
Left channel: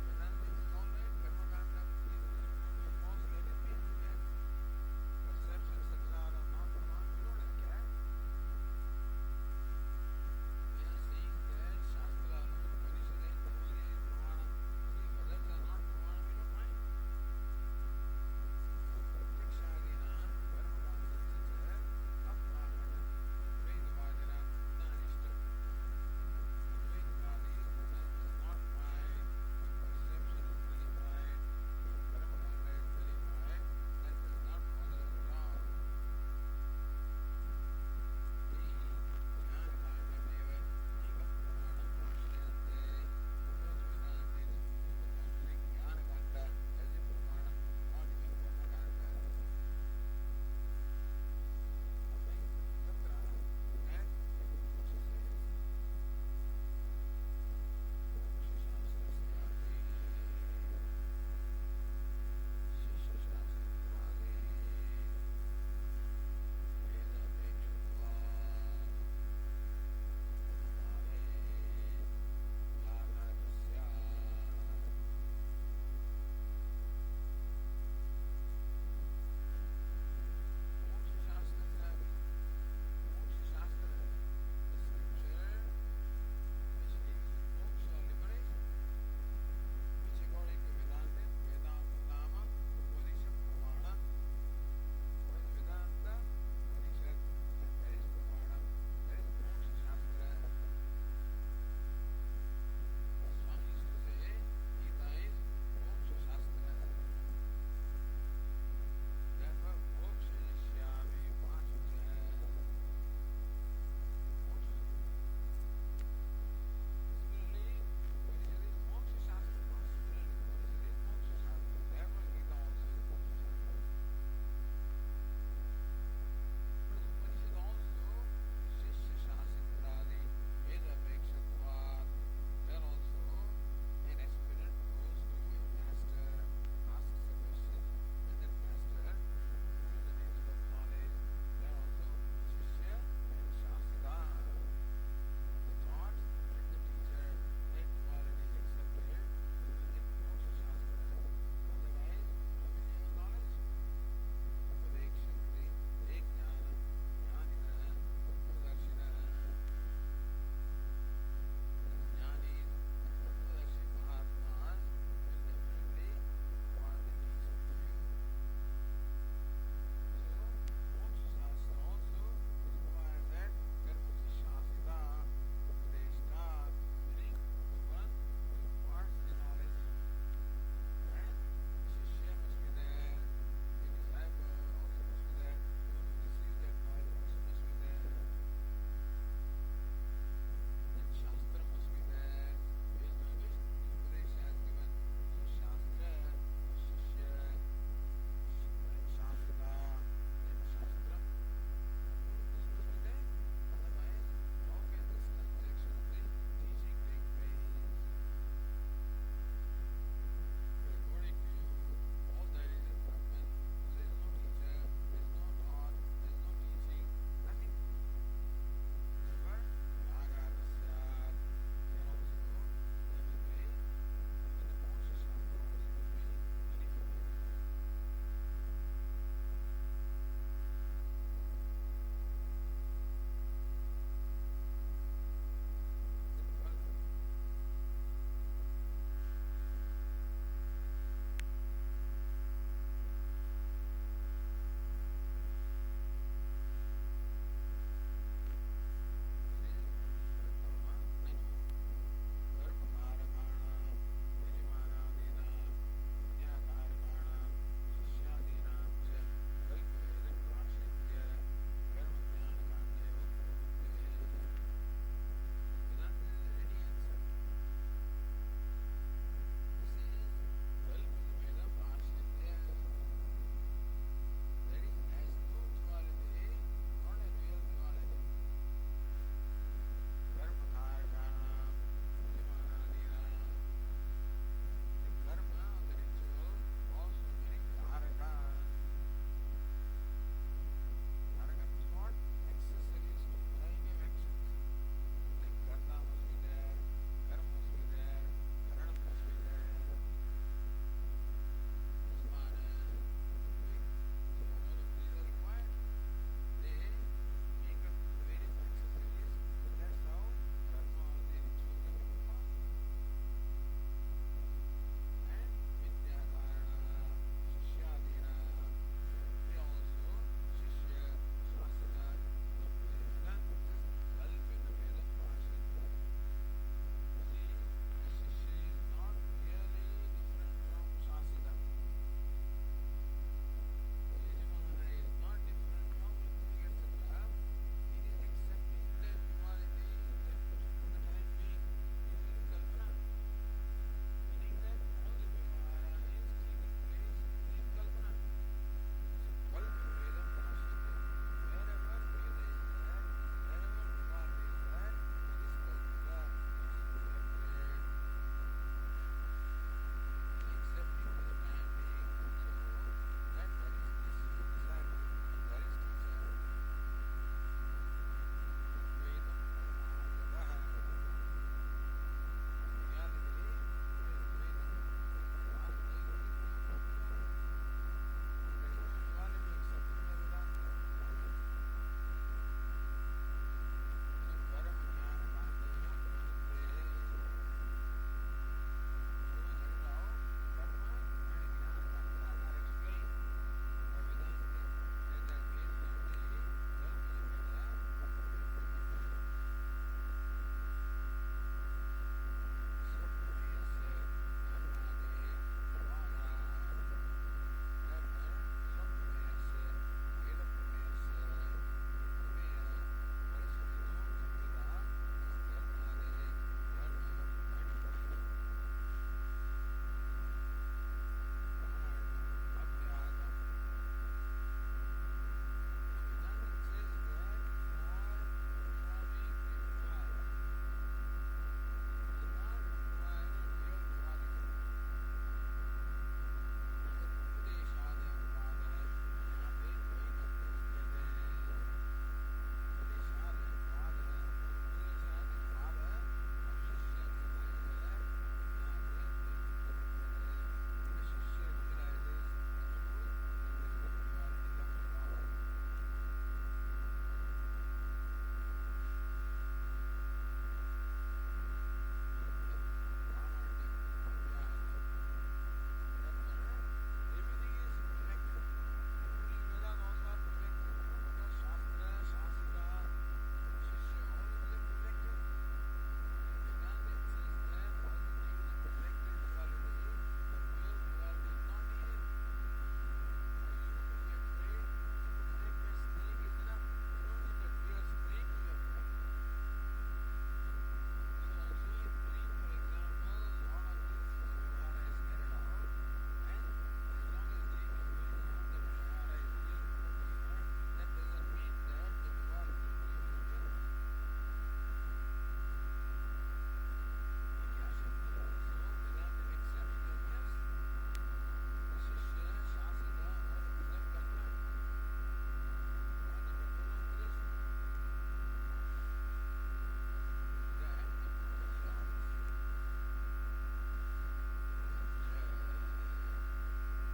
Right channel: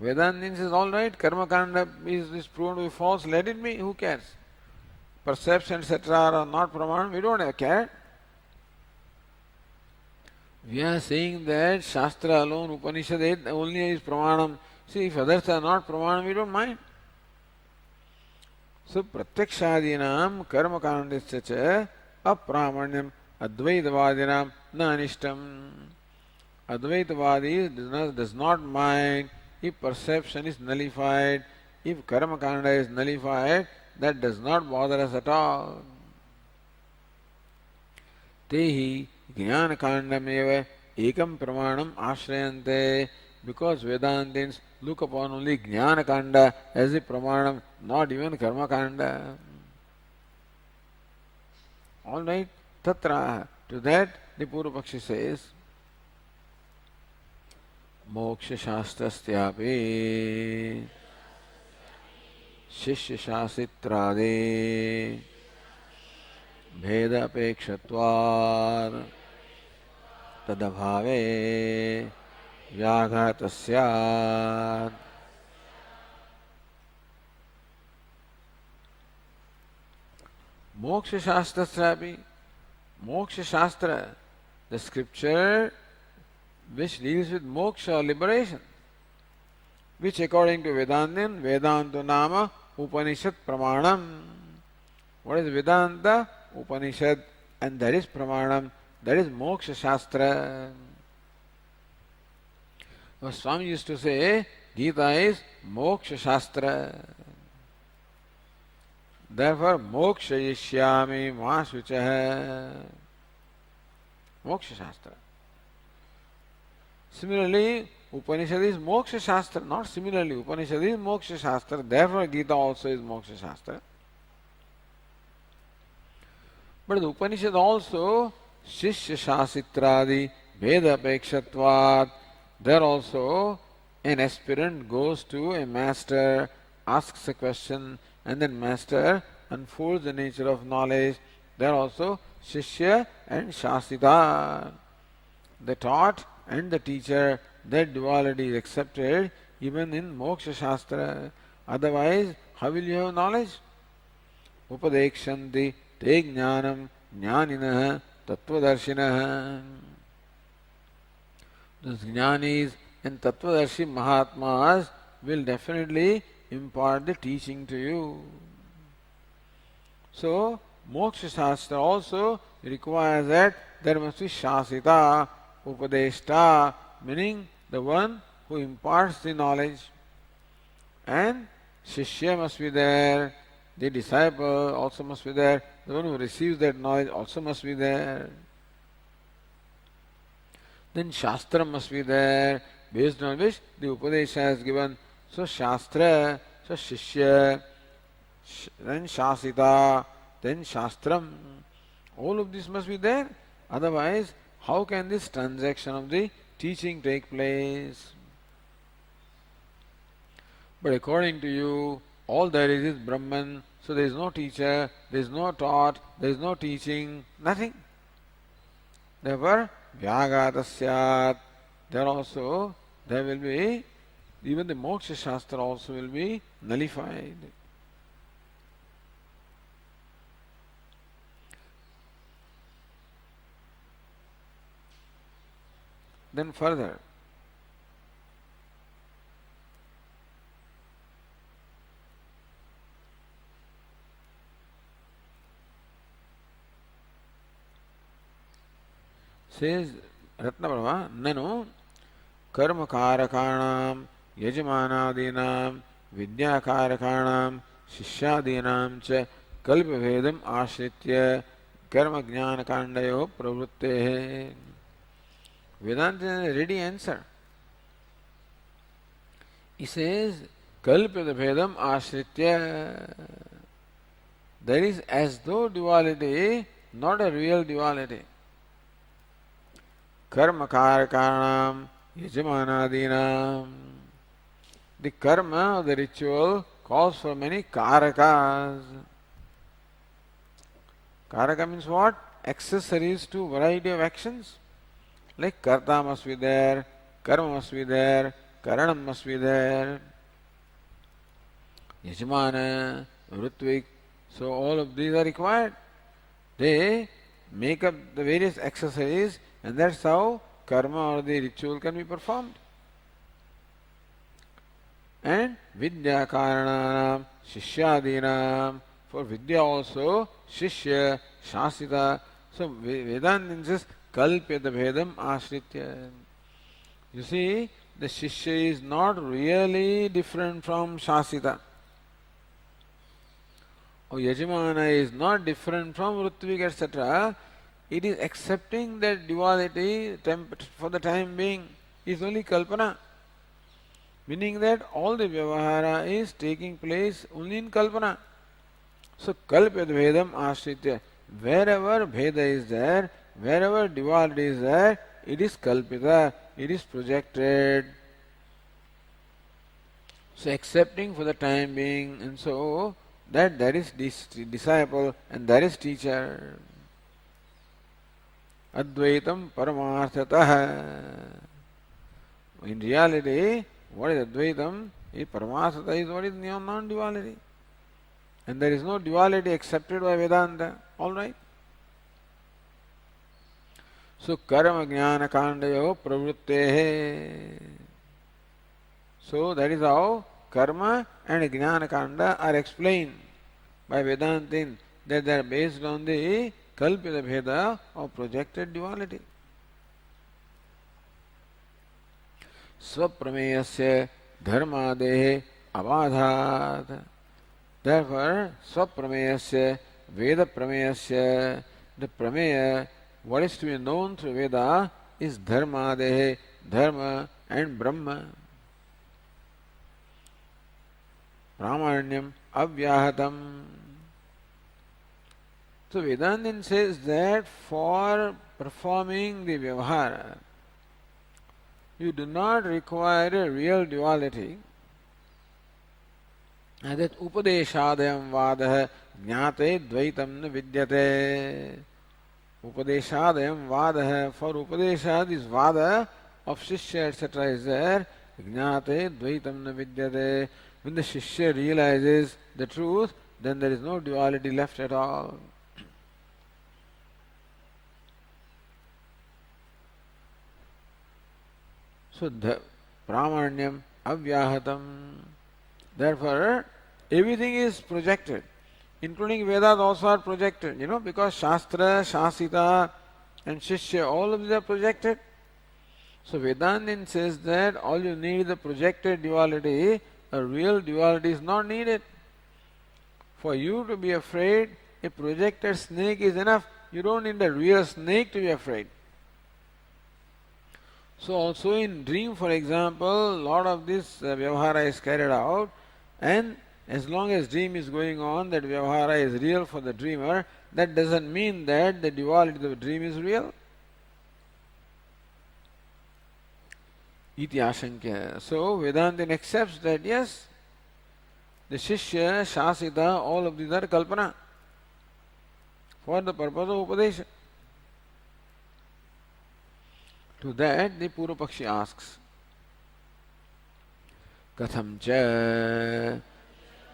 Vedanta says, all right, karma kanda is proven to be false, let it be, who cares? Perception, etc. are not pramanam, we don't have care. We are saying that Shastra alone, Upanishad only is pramanam. See, if others are not pramanam, we don't mind. So, pratyakshadinam karma kandisya cha apramanyam advaitavadinam na anishtam. Advaitavadi does not mind if perception is nullified, if karma kanda is nullified, that does not bother us at all. Tehi jnana kandameva ekam pramanam ashrayante, because Vedantins look upon only jnana kanda as a pramanam, not even karma kanda. All right, tatra. To that the Purvapakshi says, मोक्ष शास्त्रस्यापि शिष्य शासित्रादि भेद अपेक्षत्वात् तदभावे व्याघातः स्यात्. मोक्ष शास्त्रस्यापि, मोक्ष शास्त्र, the scripture which deals with moksha, liberation, which according to Vedantin, Vedantu Nama Upanishad Pramanam. What is Vedanta? Upanishad, and that is Pramanam, that is Moksha Shastra. Our Swami used to say, Gita is Moksha Shastra. Therefore, Moksha Yishyami Masuchaha. Moksha Shastra. Similarly, Upanishad is Moksha Shastra, not similarly. Upanishad is Moksha Shastra, therefore Gita also is Moksha Shastra. But the Upanishad also, Shishya Shasitradi, Veda Apekshatvat, there also an aspirant goes to a master, asks a question, and then master unfolds the nature of knowledge. There also Shishya and Shasita, the taught and the teacher, that duality is accepted even in Moksha Shastra. Otherwise, how will you have knowledge? Upadekshanti te jnanam jnaninah tattvadarshinaha. Those jnanis and tattvadarshi mahatmas will definitely impart the teaching to you. So, Moksha Shastra also requires that there must be Shasita, Upadeshta, meaning the one who imparts the knowledge, and Shishya must be there, the disciple also must be there, the one who receives that knowledge also must be there. Then Shastra must be there, based on which the Upadesha is given. So Shastra, so Shishya, then Shasita, then Shastram. All of this must be there. Otherwise, how can this transaction of the teaching take place? But according to you, all there is Brahman, so there is no teacher, there is no taught, there is no teaching, nothing. Therefore, Vyagata Syat, there also, there will be, even the Moksha Shastra also will be nullified. Then further, says Ratnaprabha, Nanu karma karakanam yajmanadinam vidyakarakanam shishyadinam cha kalpavedam ashritya karma jnana kandayo pravrutte. Vedanta is a ready answer. He says, Kalpita Bhedam Ashritya. There is as though duality, not a real duality. Karma Karakanam Yajamanadinam. The karma, the ritual calls for many karakas. Karaka means what? Accessories to variety of actions. Like karta must be there, karma must be there, karanam must be there, yajmana, ritvik. So all of these are required. They make up the various accessories, and that's how karma or the ritual can be performed. And vidya karananam, shishyadinam. For vidya also, shishya, shasita. So Vedanta insists kalpyata bhedam ashritya. You see, the shishya is not really different from shasita. Or yajamana is not different from rutvik, etc. It is accepting that duality for the time being is only kalpana. Meaning that all the vyavahara is taking place only in kalpana. So kalpyat bhedam ashritya. Wherever bheda is there, wherever duality is there, it is kalpita, it is projected. So accepting for the time being, and so that there is disciple and there is teacher. Advaitam paramarthatah. In reality, what is Advaitam? Paramarthatah is what is non-duality. And there is no duality accepted by Vedanta. Alright? So karma jnana kandayo pravrittehe. So that is how karma and jnana kanda are explained by Vedanta, that they are based on the kalpita bheda of projected duality. Swapramayasya dharmadehe avadhat. Therefore, swapramayasya veda pramayasya, the prameya, what is to be known through Veda, is dharmadehe, dharma and Brahma. Pramanyam avyahatam. So Vedanta says that for performing the vyavahara, you do not require a real duality, and that upadeshadayam vadah jnate dvaitam na vidyate. Upadeshadayam vadah, for upadesha, this vada of shishya etc. is there. Jnate dvaitam na vidyate. When the shishya realizes the truth, then there is no duality left at all. So the pramanyam avyahatam. Therefore, everything is projected, including Vedas also are projected, because Shastra, Shasita and Shishya, all of these are projected. So Vedanta says that all you need is the projected duality, a real duality is not needed. For you to be afraid, a projected snake is enough. You don't need a real snake to be afraid. So also in dream, for example, lot of this vyavahara is carried out, and as long as dream is going on, that vyavahara is real for the dreamer, that doesn't mean that the duality of the dream is real. Iti ashankya. So Vedanta accepts that yes, the Shishya, Shasita, all of these are kalpana for the purpose of Upadesha. To that the Purva Pakshi asks, Katham cha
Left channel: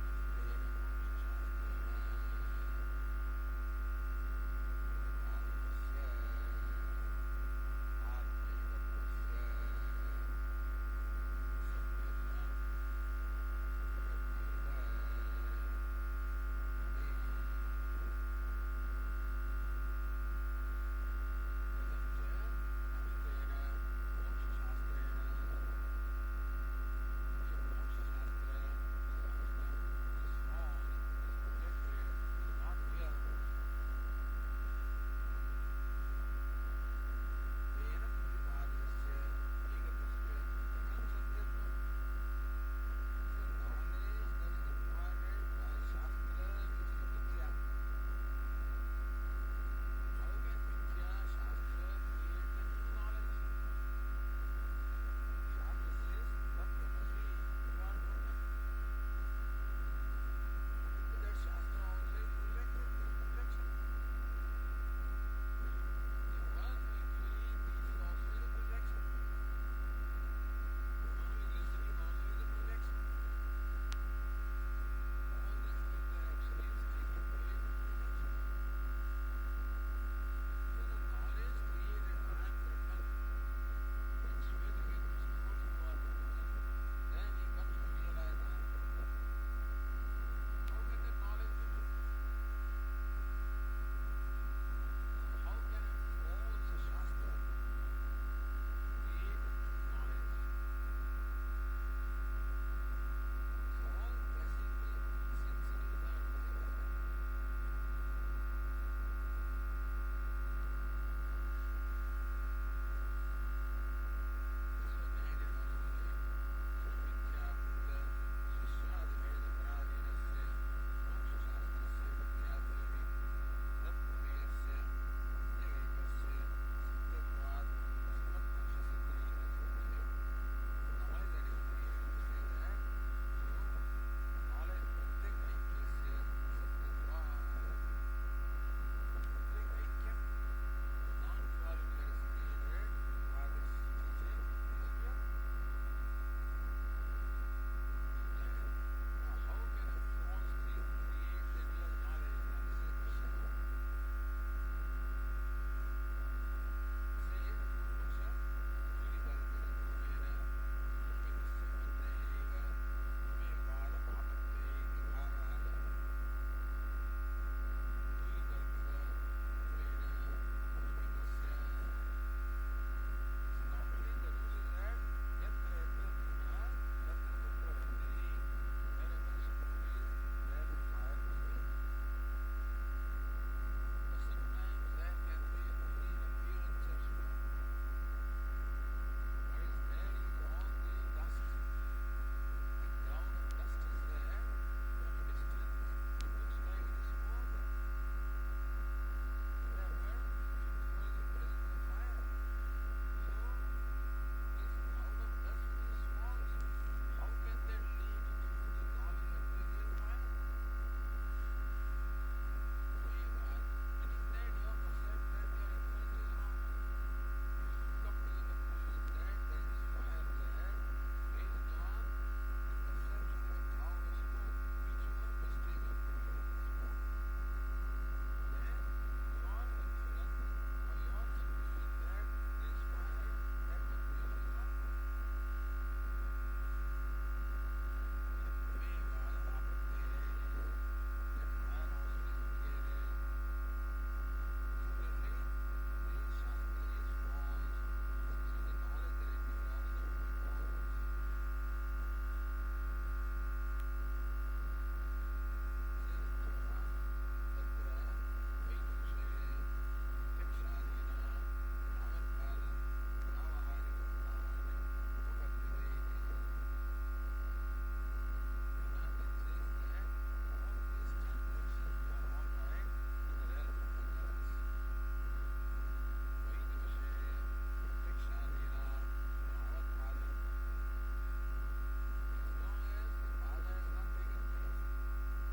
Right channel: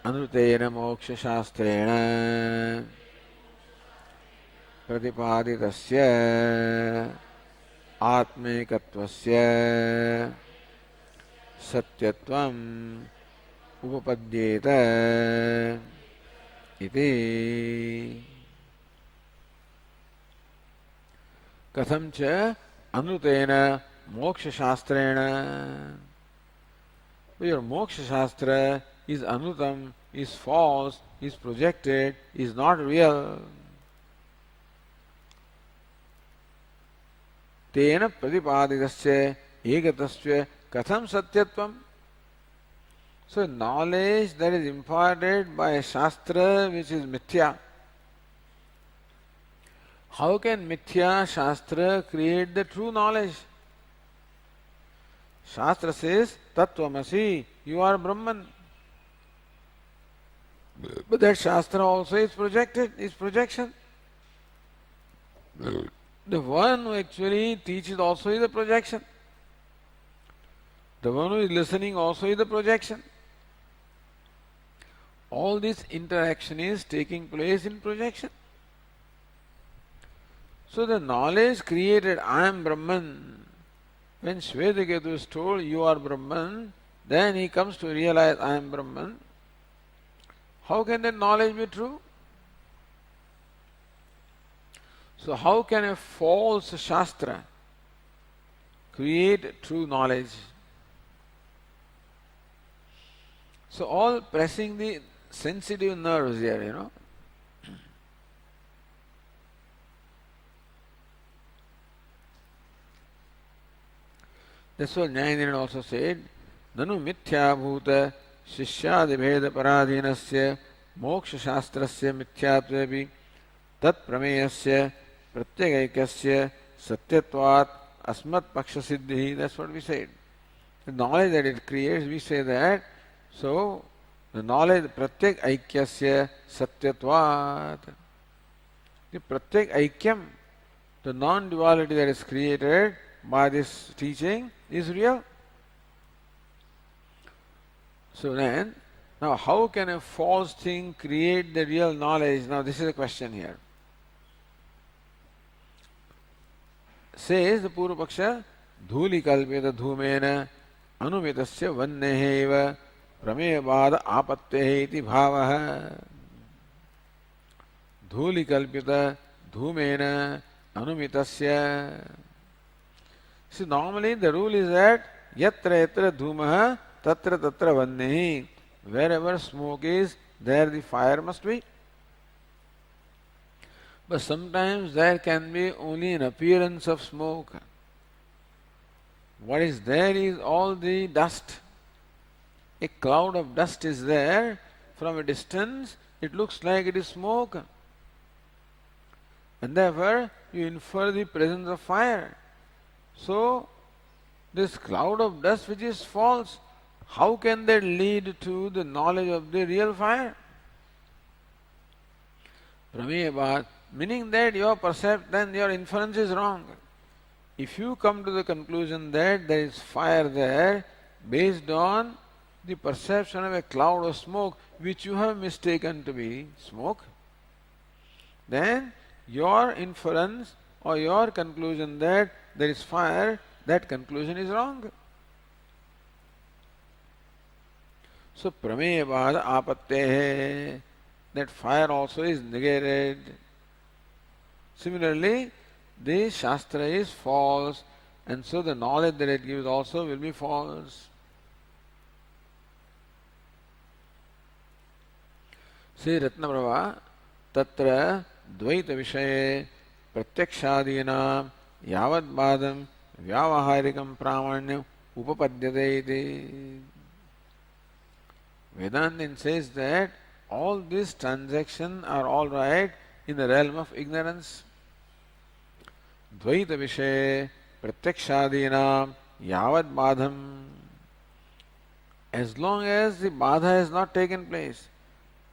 anutena moksha shastrena pratipaditasya atmekatvasya satyatvam upapadyeta iti. Katham cha anutena moksha shastrena. Your moksha shastra is anutam, is false, is projected, is not real. Tena pratipaditasya ekatasya katham satyatvam. So knowledge that is imparted by a shastra which is mithya. How can mithya shastra create the true knowledge? Shastra says, Tattvamasi, you are Brahman. But that Shastra also is projected, is projection. The one who actually teaches also is a projection. The one who is listening also is a projection. All this interaction is taking place in projection. So the knowledge created, I am Brahman. When Shvetaketu is told, you are Brahman, then he comes to realize, I am Brahman. How can that knowledge be true? So how can a false Shastra create true knowledge? So all pressing the sensitive nerves here, you know. That's what Nyayanirana also said, Nanu mithyabhuta shishyadibheda paradhinasya moksha shastrasya mithyatvevi tat prameyasya pratyagaikasya satyatvat asmat paksha siddhi. That's what we said. The knowledge that it creates, we say that, so the knowledge pratyak aikyasya satyatvat. The pratyak aikyam, the non-duality that is created by this teaching is real. So then, now how can a false thing create the real knowledge? Now this is a question here. Says the Purva Paksha, Dhuli kalpita dhumena anumitasya vanneheva prameyavada apattehe iti bhavaha. Dhuli kalpita dhumena anumitasya. See, normally the rule is that yatra yatra dhumaha tatra tatra vannehi. Wherever smoke is, there the fire must be. But sometimes there can be only an appearance of smoke. What is there is all the dust. A cloud of dust is there. From a distance, it looks like it is smoke. And therefore, you infer the presence of fire. So, this cloud of dust which is false, how can that lead to the knowledge of the real fire? Prameyabhat, meaning that your then your inference is wrong. If you come to the conclusion that there is fire there, based on the perception of a cloud of smoke which you have mistaken to be smoke, then your inference or your conclusion that there is fire, that conclusion is wrong. So prameyavada apattehe, that fire also is negated. Similarly, the Shastra is false, and so the knowledge that it gives also will be false. Say Ratnaprabha, tatra dvaita vishaye pratyakshadina yavat badam vyavaharikam pramanyam upapadyate iti. Vedanta says that all these transactions are all right in the realm of ignorance. Dvaita vishaye pratyakshadina yavat badham. As long as the badha has not taken place,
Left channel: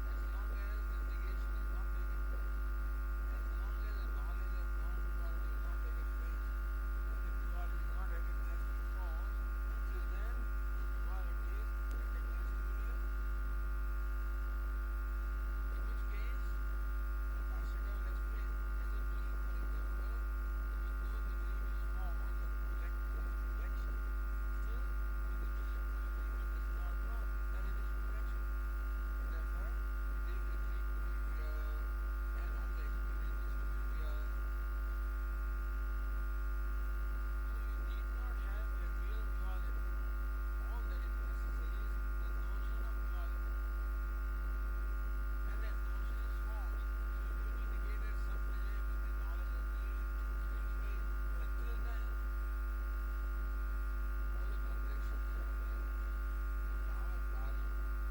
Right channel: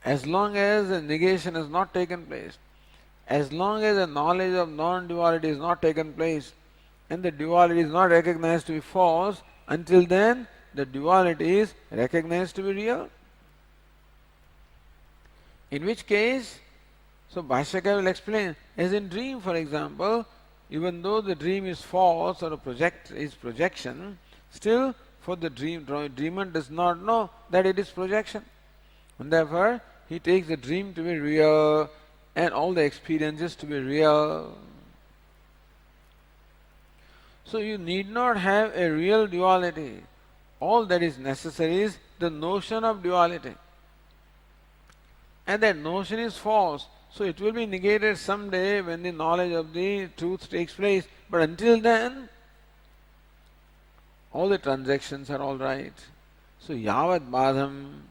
as long as the negation has not taken place, as long as the knowledge of non-duality is not taken place, and the duality is not recognized to be false, until then the duality is recognized to be real. In which case, so Bhashyakara will explain, as in dream for example, even though the dream is false or is projection, still for the dreamer does not know that it is projection. And therefore, he takes the dream to be real and all the experiences to be real. So you need not have a real duality. All that is necessary is the notion of duality. And that notion is false. So it will be negated someday when the knowledge of the truth takes place. But until then, all the transactions are all right. So yavat badham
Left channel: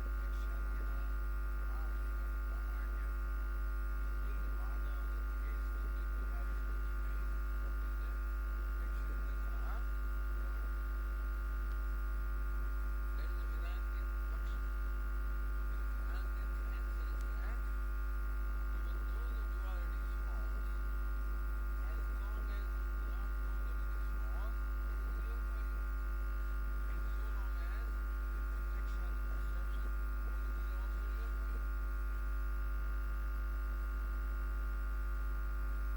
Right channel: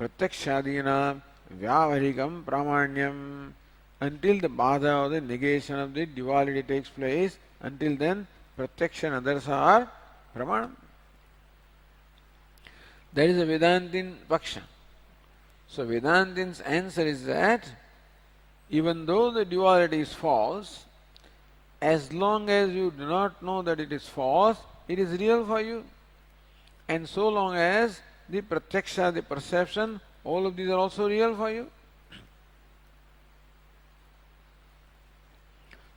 pratyakshadina vyavarikam pramanyam. Until the badha or the negation of the duality takes place, until then pratyaksha and others are pramanam. That is a Vedantin Paksha. So Vedantin's answer is that even though the duality is false, as long as you do not know that it is false, it is real for you. And so long as the pratyaksha, the perception, all of these are also real for you.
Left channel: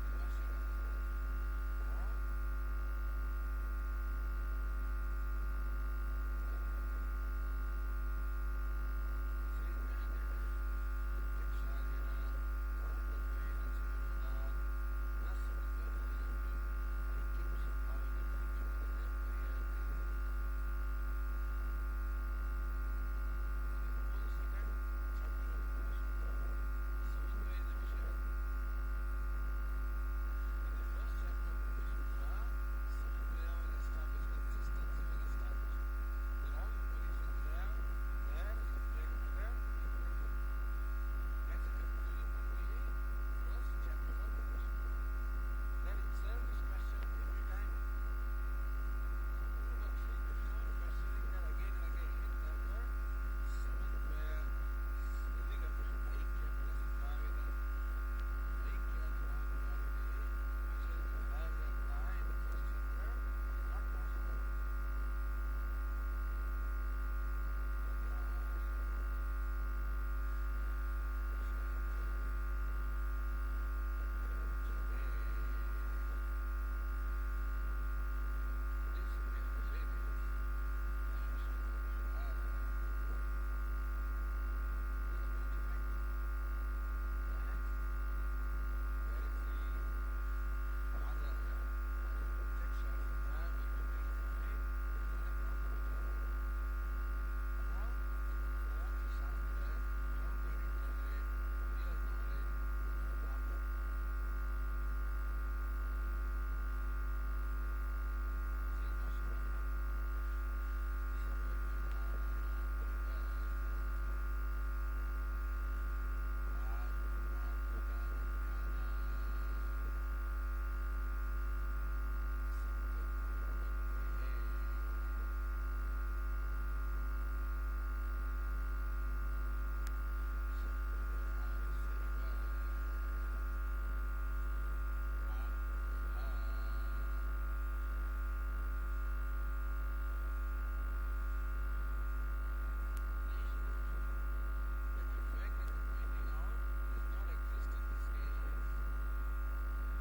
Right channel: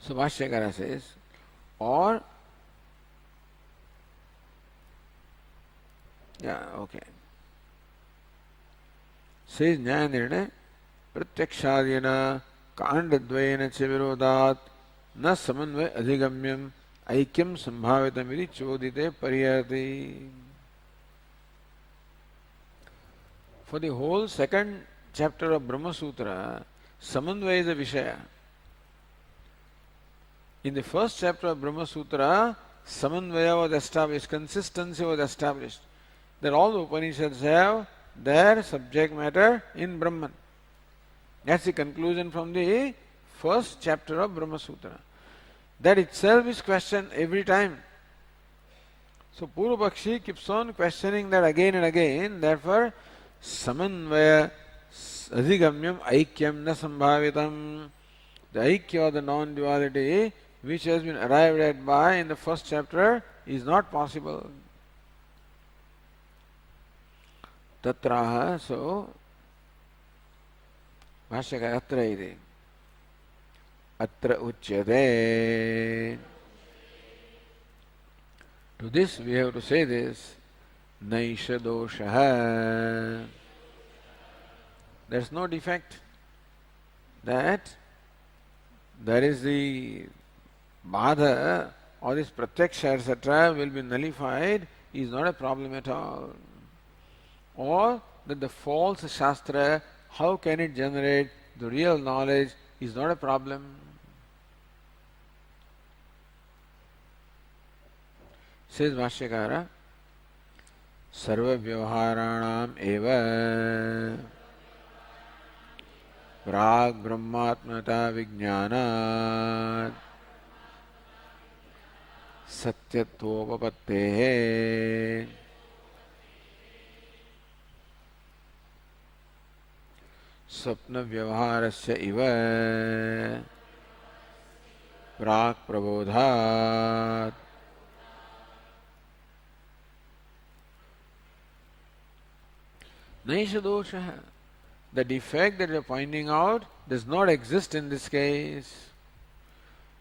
So Bhashyakara says, or says Nyayanirne pratyakshadena कांडद्वयेन च विरोधात् न समन्वय अधिगम्यम ऐक्यम संभावितमिति चोदिते पर्यायते. For the whole second chapter of Brahma Sutra, Samanvaya is a Vishaya. In the first chapter of Brahma Sutra, Samanvaya was established, consistency was established, that all the Upanishads have their subject matter in Brahman. That's the conclusion from the first chapter of Brahma Sutra. That itself is questioned every time. So Purva Pakshi keeps on questioning that again and again. Therefore, Samanvaya Adhigamyam Aikyam Na Sambhavitam. The Aikya or the non-duality which has been arrived at by in the first chapter is not possible. Tatraha, so भाष्यकार अत्र इति अत्र उच्यते. To this we have to say this, naisha dosha. There is no defect. That there is the badha or this pratyaksha etc. will be nullified is not a problem at all. Or that the false shastra, how can it generate the real knowledge is not a problem. Says Bhashyakara, Sarva Vyavaharanam eva Prag Brahmatmata Vijnanat Satyatvopapatte स्वप्न व्यवहारस्य इव प्राक् प्रबोधात् नैष दोषः. The defect that you are pointing out does not exist in this case.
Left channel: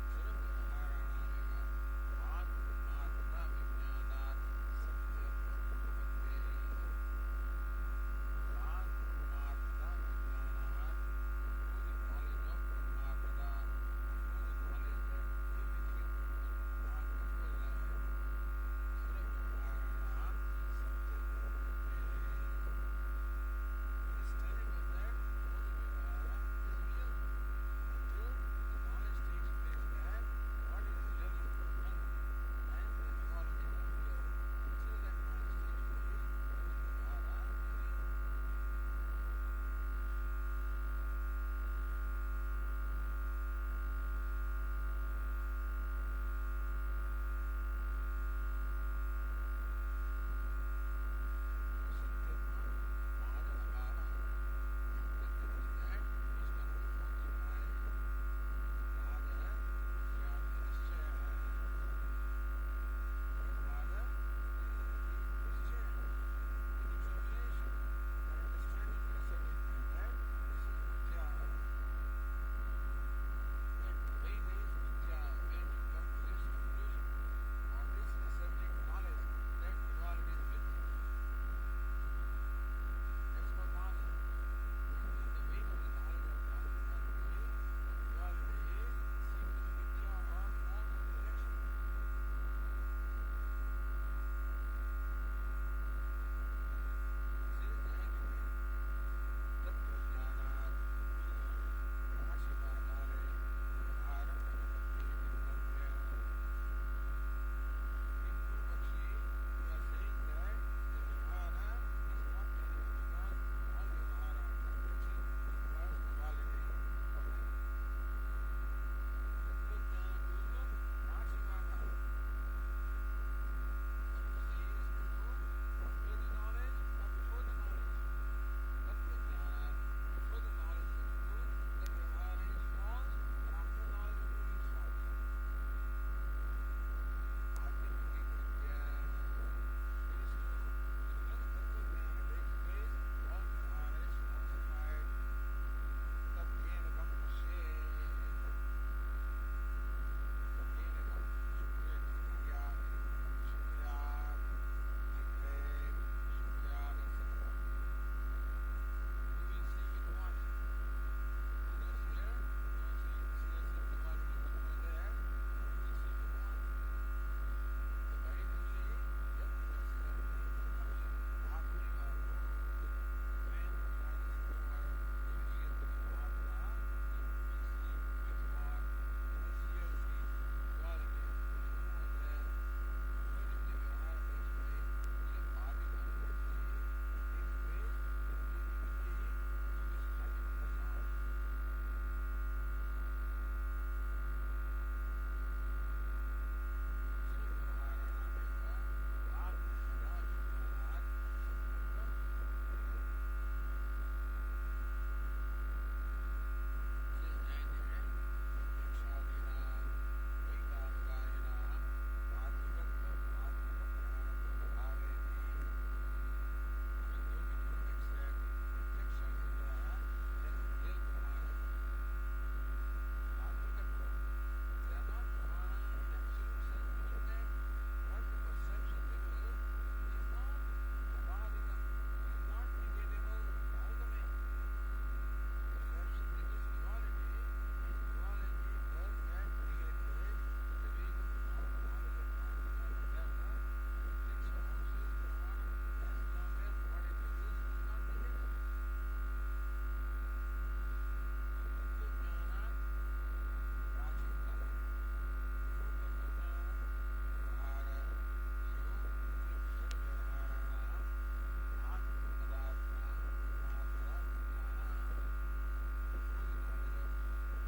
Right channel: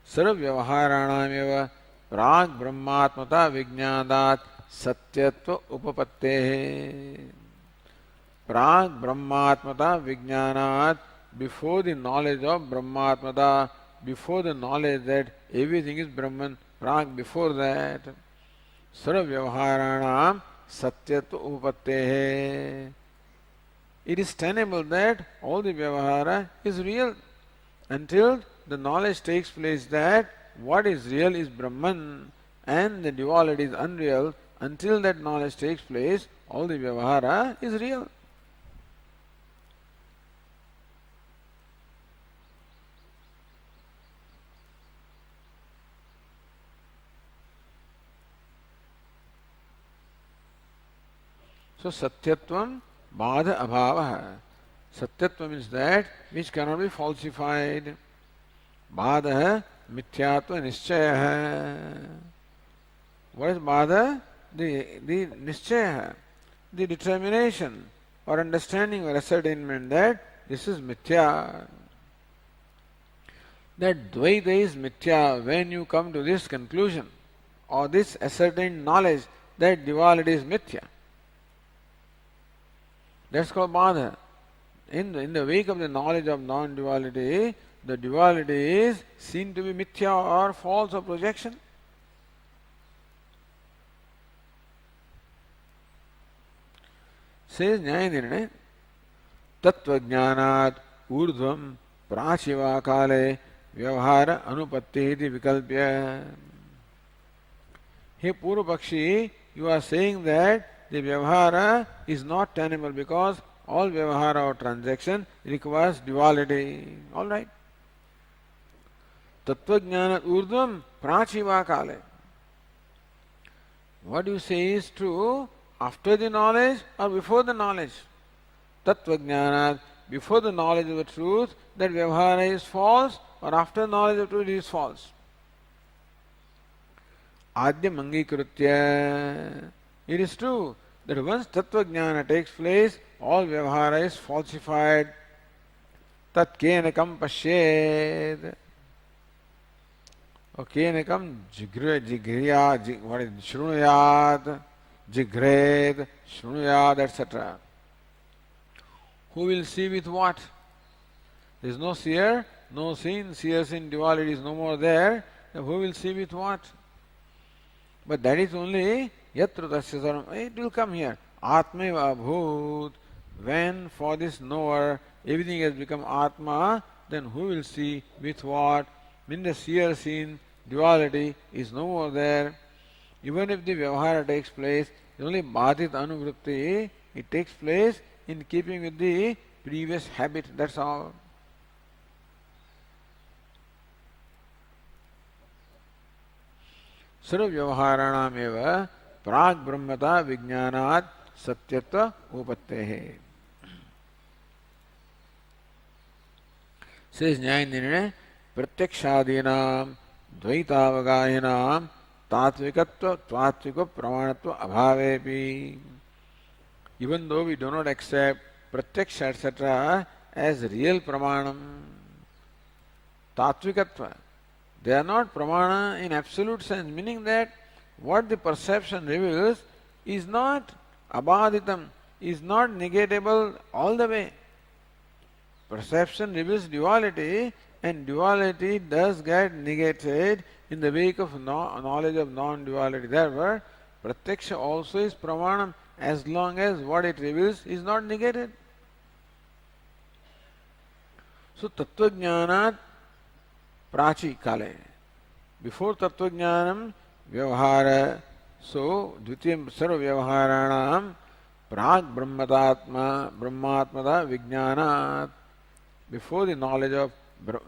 सर्व व्यवहाराणाम एव प्राक् ब्रह्मात्मता विज्ञानात् सत्यत्व उपपत्तेः. Prag Brahmatmata Vijnanat, before the knowledge of Brahmatmata, before the knowledge that everything is Brahman, Prag before that, Sarva Vyavaharanam Satyatva Upattehe. It is tenable that all the Vyavahara is real until the knowledge takes place that what is real is Brahman and the duality is unreal. Until that knowledge takes place, all the Vyavahara is real. So Satyatvam Badha Abhava. Satyatvam means that which cannot be falsified. Badha Mithyatva Nischaya. What is Badha? The Nischaya, the determination or understanding or ascertainment that this is Mithya. That Dvaita is Mithya when you come to this conclusion or this ascertained knowledge that duality is Mithya. That's called Badha. In the wake of the knowledge of non-duality, the duality is seen to be Mithya or false or projection. Says Nyayanirne, Tattva Jnanat Urdhvam Prachiva Kale Vyavahara Anupatti iti Vikalpya. Hey Purva Pakshi, you are saying that the Vyavahara is not tenable because all Vyavahara or transaction requires duality. Alright. Tattva Jnanat Urdhvam Prachiva Kale. What you say is true after the knowledge or before the knowledge. Tattvajnanat, before the knowledge of the truth, that Vyavahara is false, or after knowledge of truth it is false. Adyam Angikritya. It is true that once Tattvajnana takes place, all Vyavahara is falsified. Tat kenakam pashyed. Kenakam jigriya, what is shrunuyat, jigred, shrunuyat, etc. Who will see with what? There is no seer, no seen, seer seen duality is no more there. Then who will see with what? But that is only yatra tasya sarvam. It will come here. Atmeva abhut. When for this knower everything has become Atma, then who will see with what? When the seer seen duality is no more there. Even if the Vyavahara takes place, only Bhadit Anuvritti, it takes place in keeping with the previous habit, that's all. सर्व व्यवहाराणाम एव प्राग ब्रह्मता विज्ञानात् सत्यत्व उपपत्तेः. शेष न्याय निर्णय प्रत्यक्षादीनां द्वैतावगाहिनां तात्विकत्व तात्विक प्रमाणत्व अभावेपि. Even though we do not accept pratyaksha etc. as real pramanam, tatvikatva, they are not pramana in absolute sense, meaning that what the perception reveals is not abhaditam, is not negatable all the way. Perception reveals duality, and duality does get negated in the wake of knowledge of non-duality. Therefore, pratyaksha also is pramanam as long as what it reveals is not negated. So, tattvajnanat prachi kale. Before tattvajnanam vyavahara, so dvitiyam sarva vyavaharanam prag brahmatmata vijnanat. Before the knowledge of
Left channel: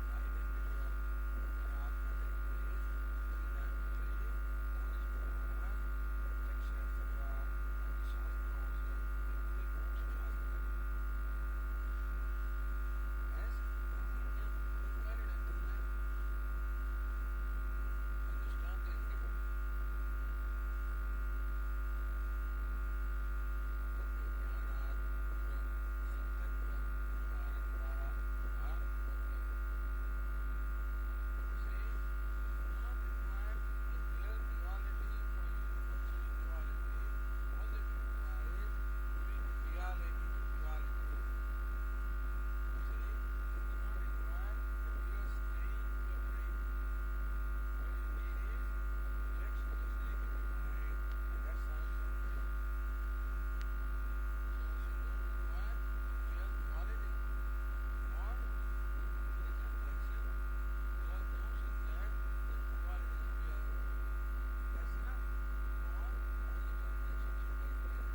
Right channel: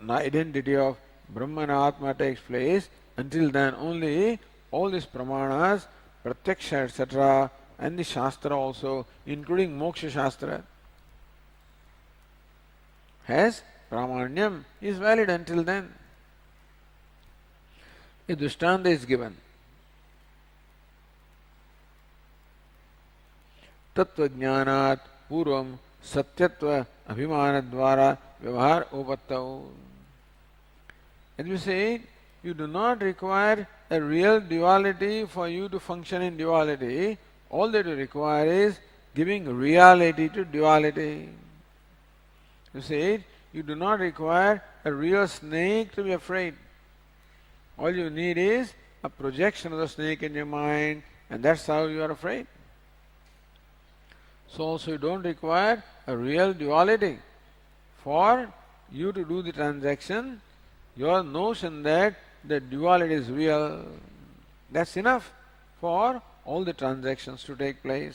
identity of Brahman Atma takes place, until then only all these pramanas, pratyaksha etc. and the Shastra also, including Moksha Shastra, has pramanyam, is valid until then. A drishtanta is given. Tattvajnanat purvam satyatva abhimana dvara vyavahar upattau. As we say, you do not require a real duality for you to function in duality. All that you require is giving reality to duality. You say, you do not require a real snake to be afraid. All you need is a projection of the snake in your mind, and that's how you are afraid. So also you don't require a real duality. For you to do the transaction, your notion that the duality is real, that's enough for all the transactions to take place.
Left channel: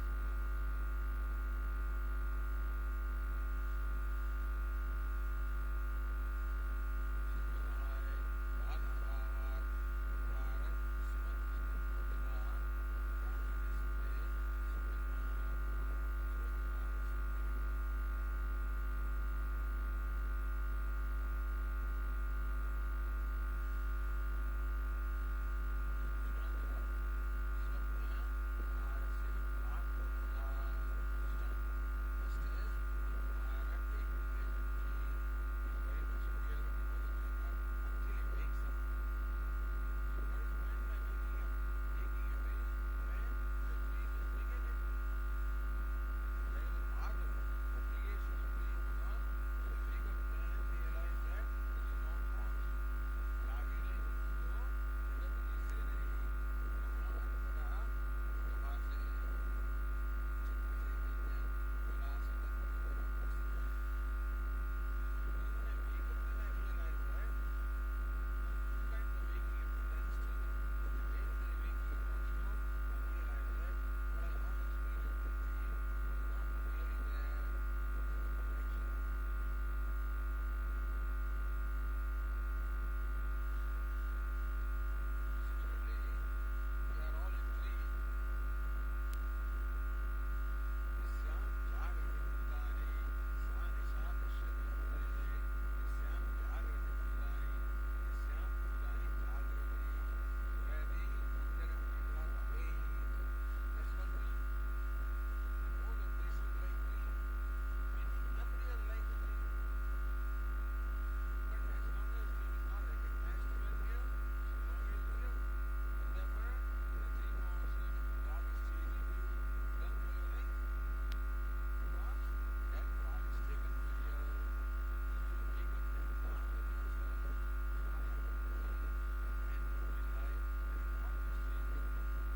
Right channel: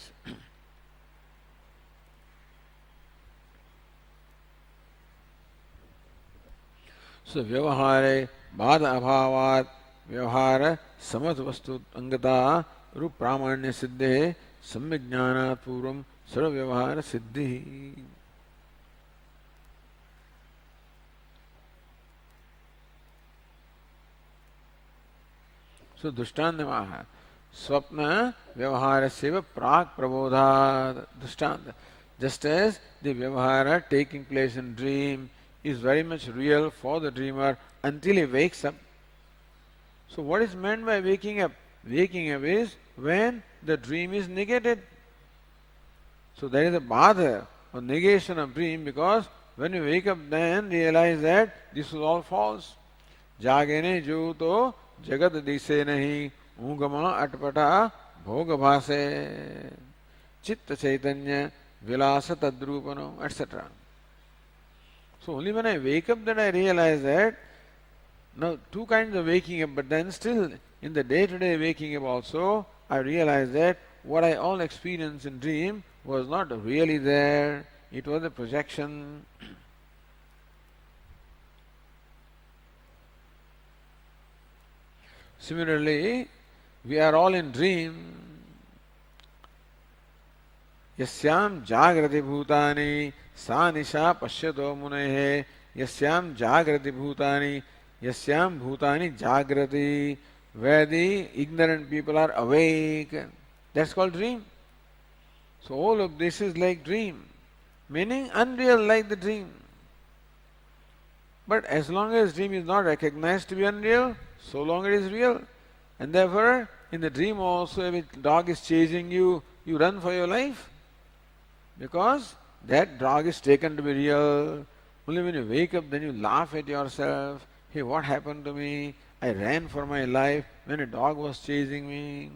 So vyavahare bhada abhavat vyavahara samat vastu angata rup pramanya siddhe samyajnanat purvam sarva vyavahara siddhi. So drishtantamaha स्वप्न व्यवहार से प्राक प्रबोधा दृष्टांत. Just as the vyavahara taking place in dream is very much real for the dreamer until he wakes up. So what is meant by waking up? Waking up is when the dream is negated. So there is a bhada or negation of dream, because when you wake up then realize that this is all false. Jagene juto jagat dise nahi ऊगमा अटपटा भोग भासे चित्त चैतन्य विलास तद्रूपनो etc. So only when I wake up that I realize that now two kinds of waking up, but then still in the day-to-day waking up also I realize that what I all experience in dream was not really there, it was a projection. Similarly, we are all in dream. यस्याम जागृति भूतानि सा निशा पश्यतो मुनेः यस्याम जागृति भूतानि यस्याम भूतानि जागृति where the ignorant people are awake, that's called dream. So all of this is like dream, meaning unreal like the dream. But as long as dream is not recognized to be unreal, so long it is real. And therefore, in the dream also, if a dog is chasing you, you run for your life. Because that dog is taken to be real. Only when you wake up, then you laugh at yourself. Hey, what happened to me? I ran for my life when a dog was chasing me.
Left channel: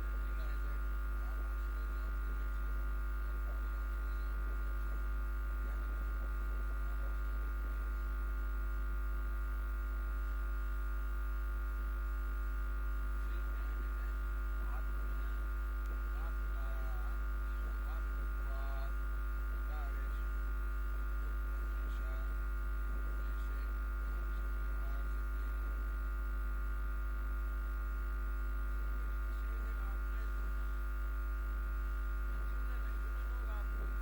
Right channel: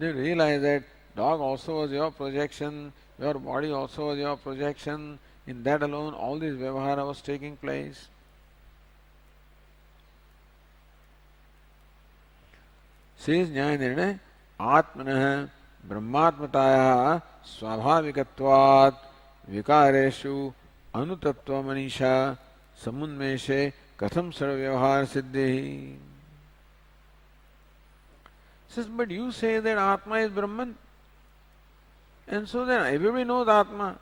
Then you realize that dog also was your projection, your body also was your projection. In that alone, all this vyavahara was taking place. Says Nyaya Nirnay, Atmanah ब्रह्मात्मतायाः स्वाभाविकत्वात् विकारेषु अनुतत्व Manisha समुन्मेषे कथम सर्वव्यवहार सिद्धि. Says, but you say that Atma is Brahman, and so then everybody knows Atma.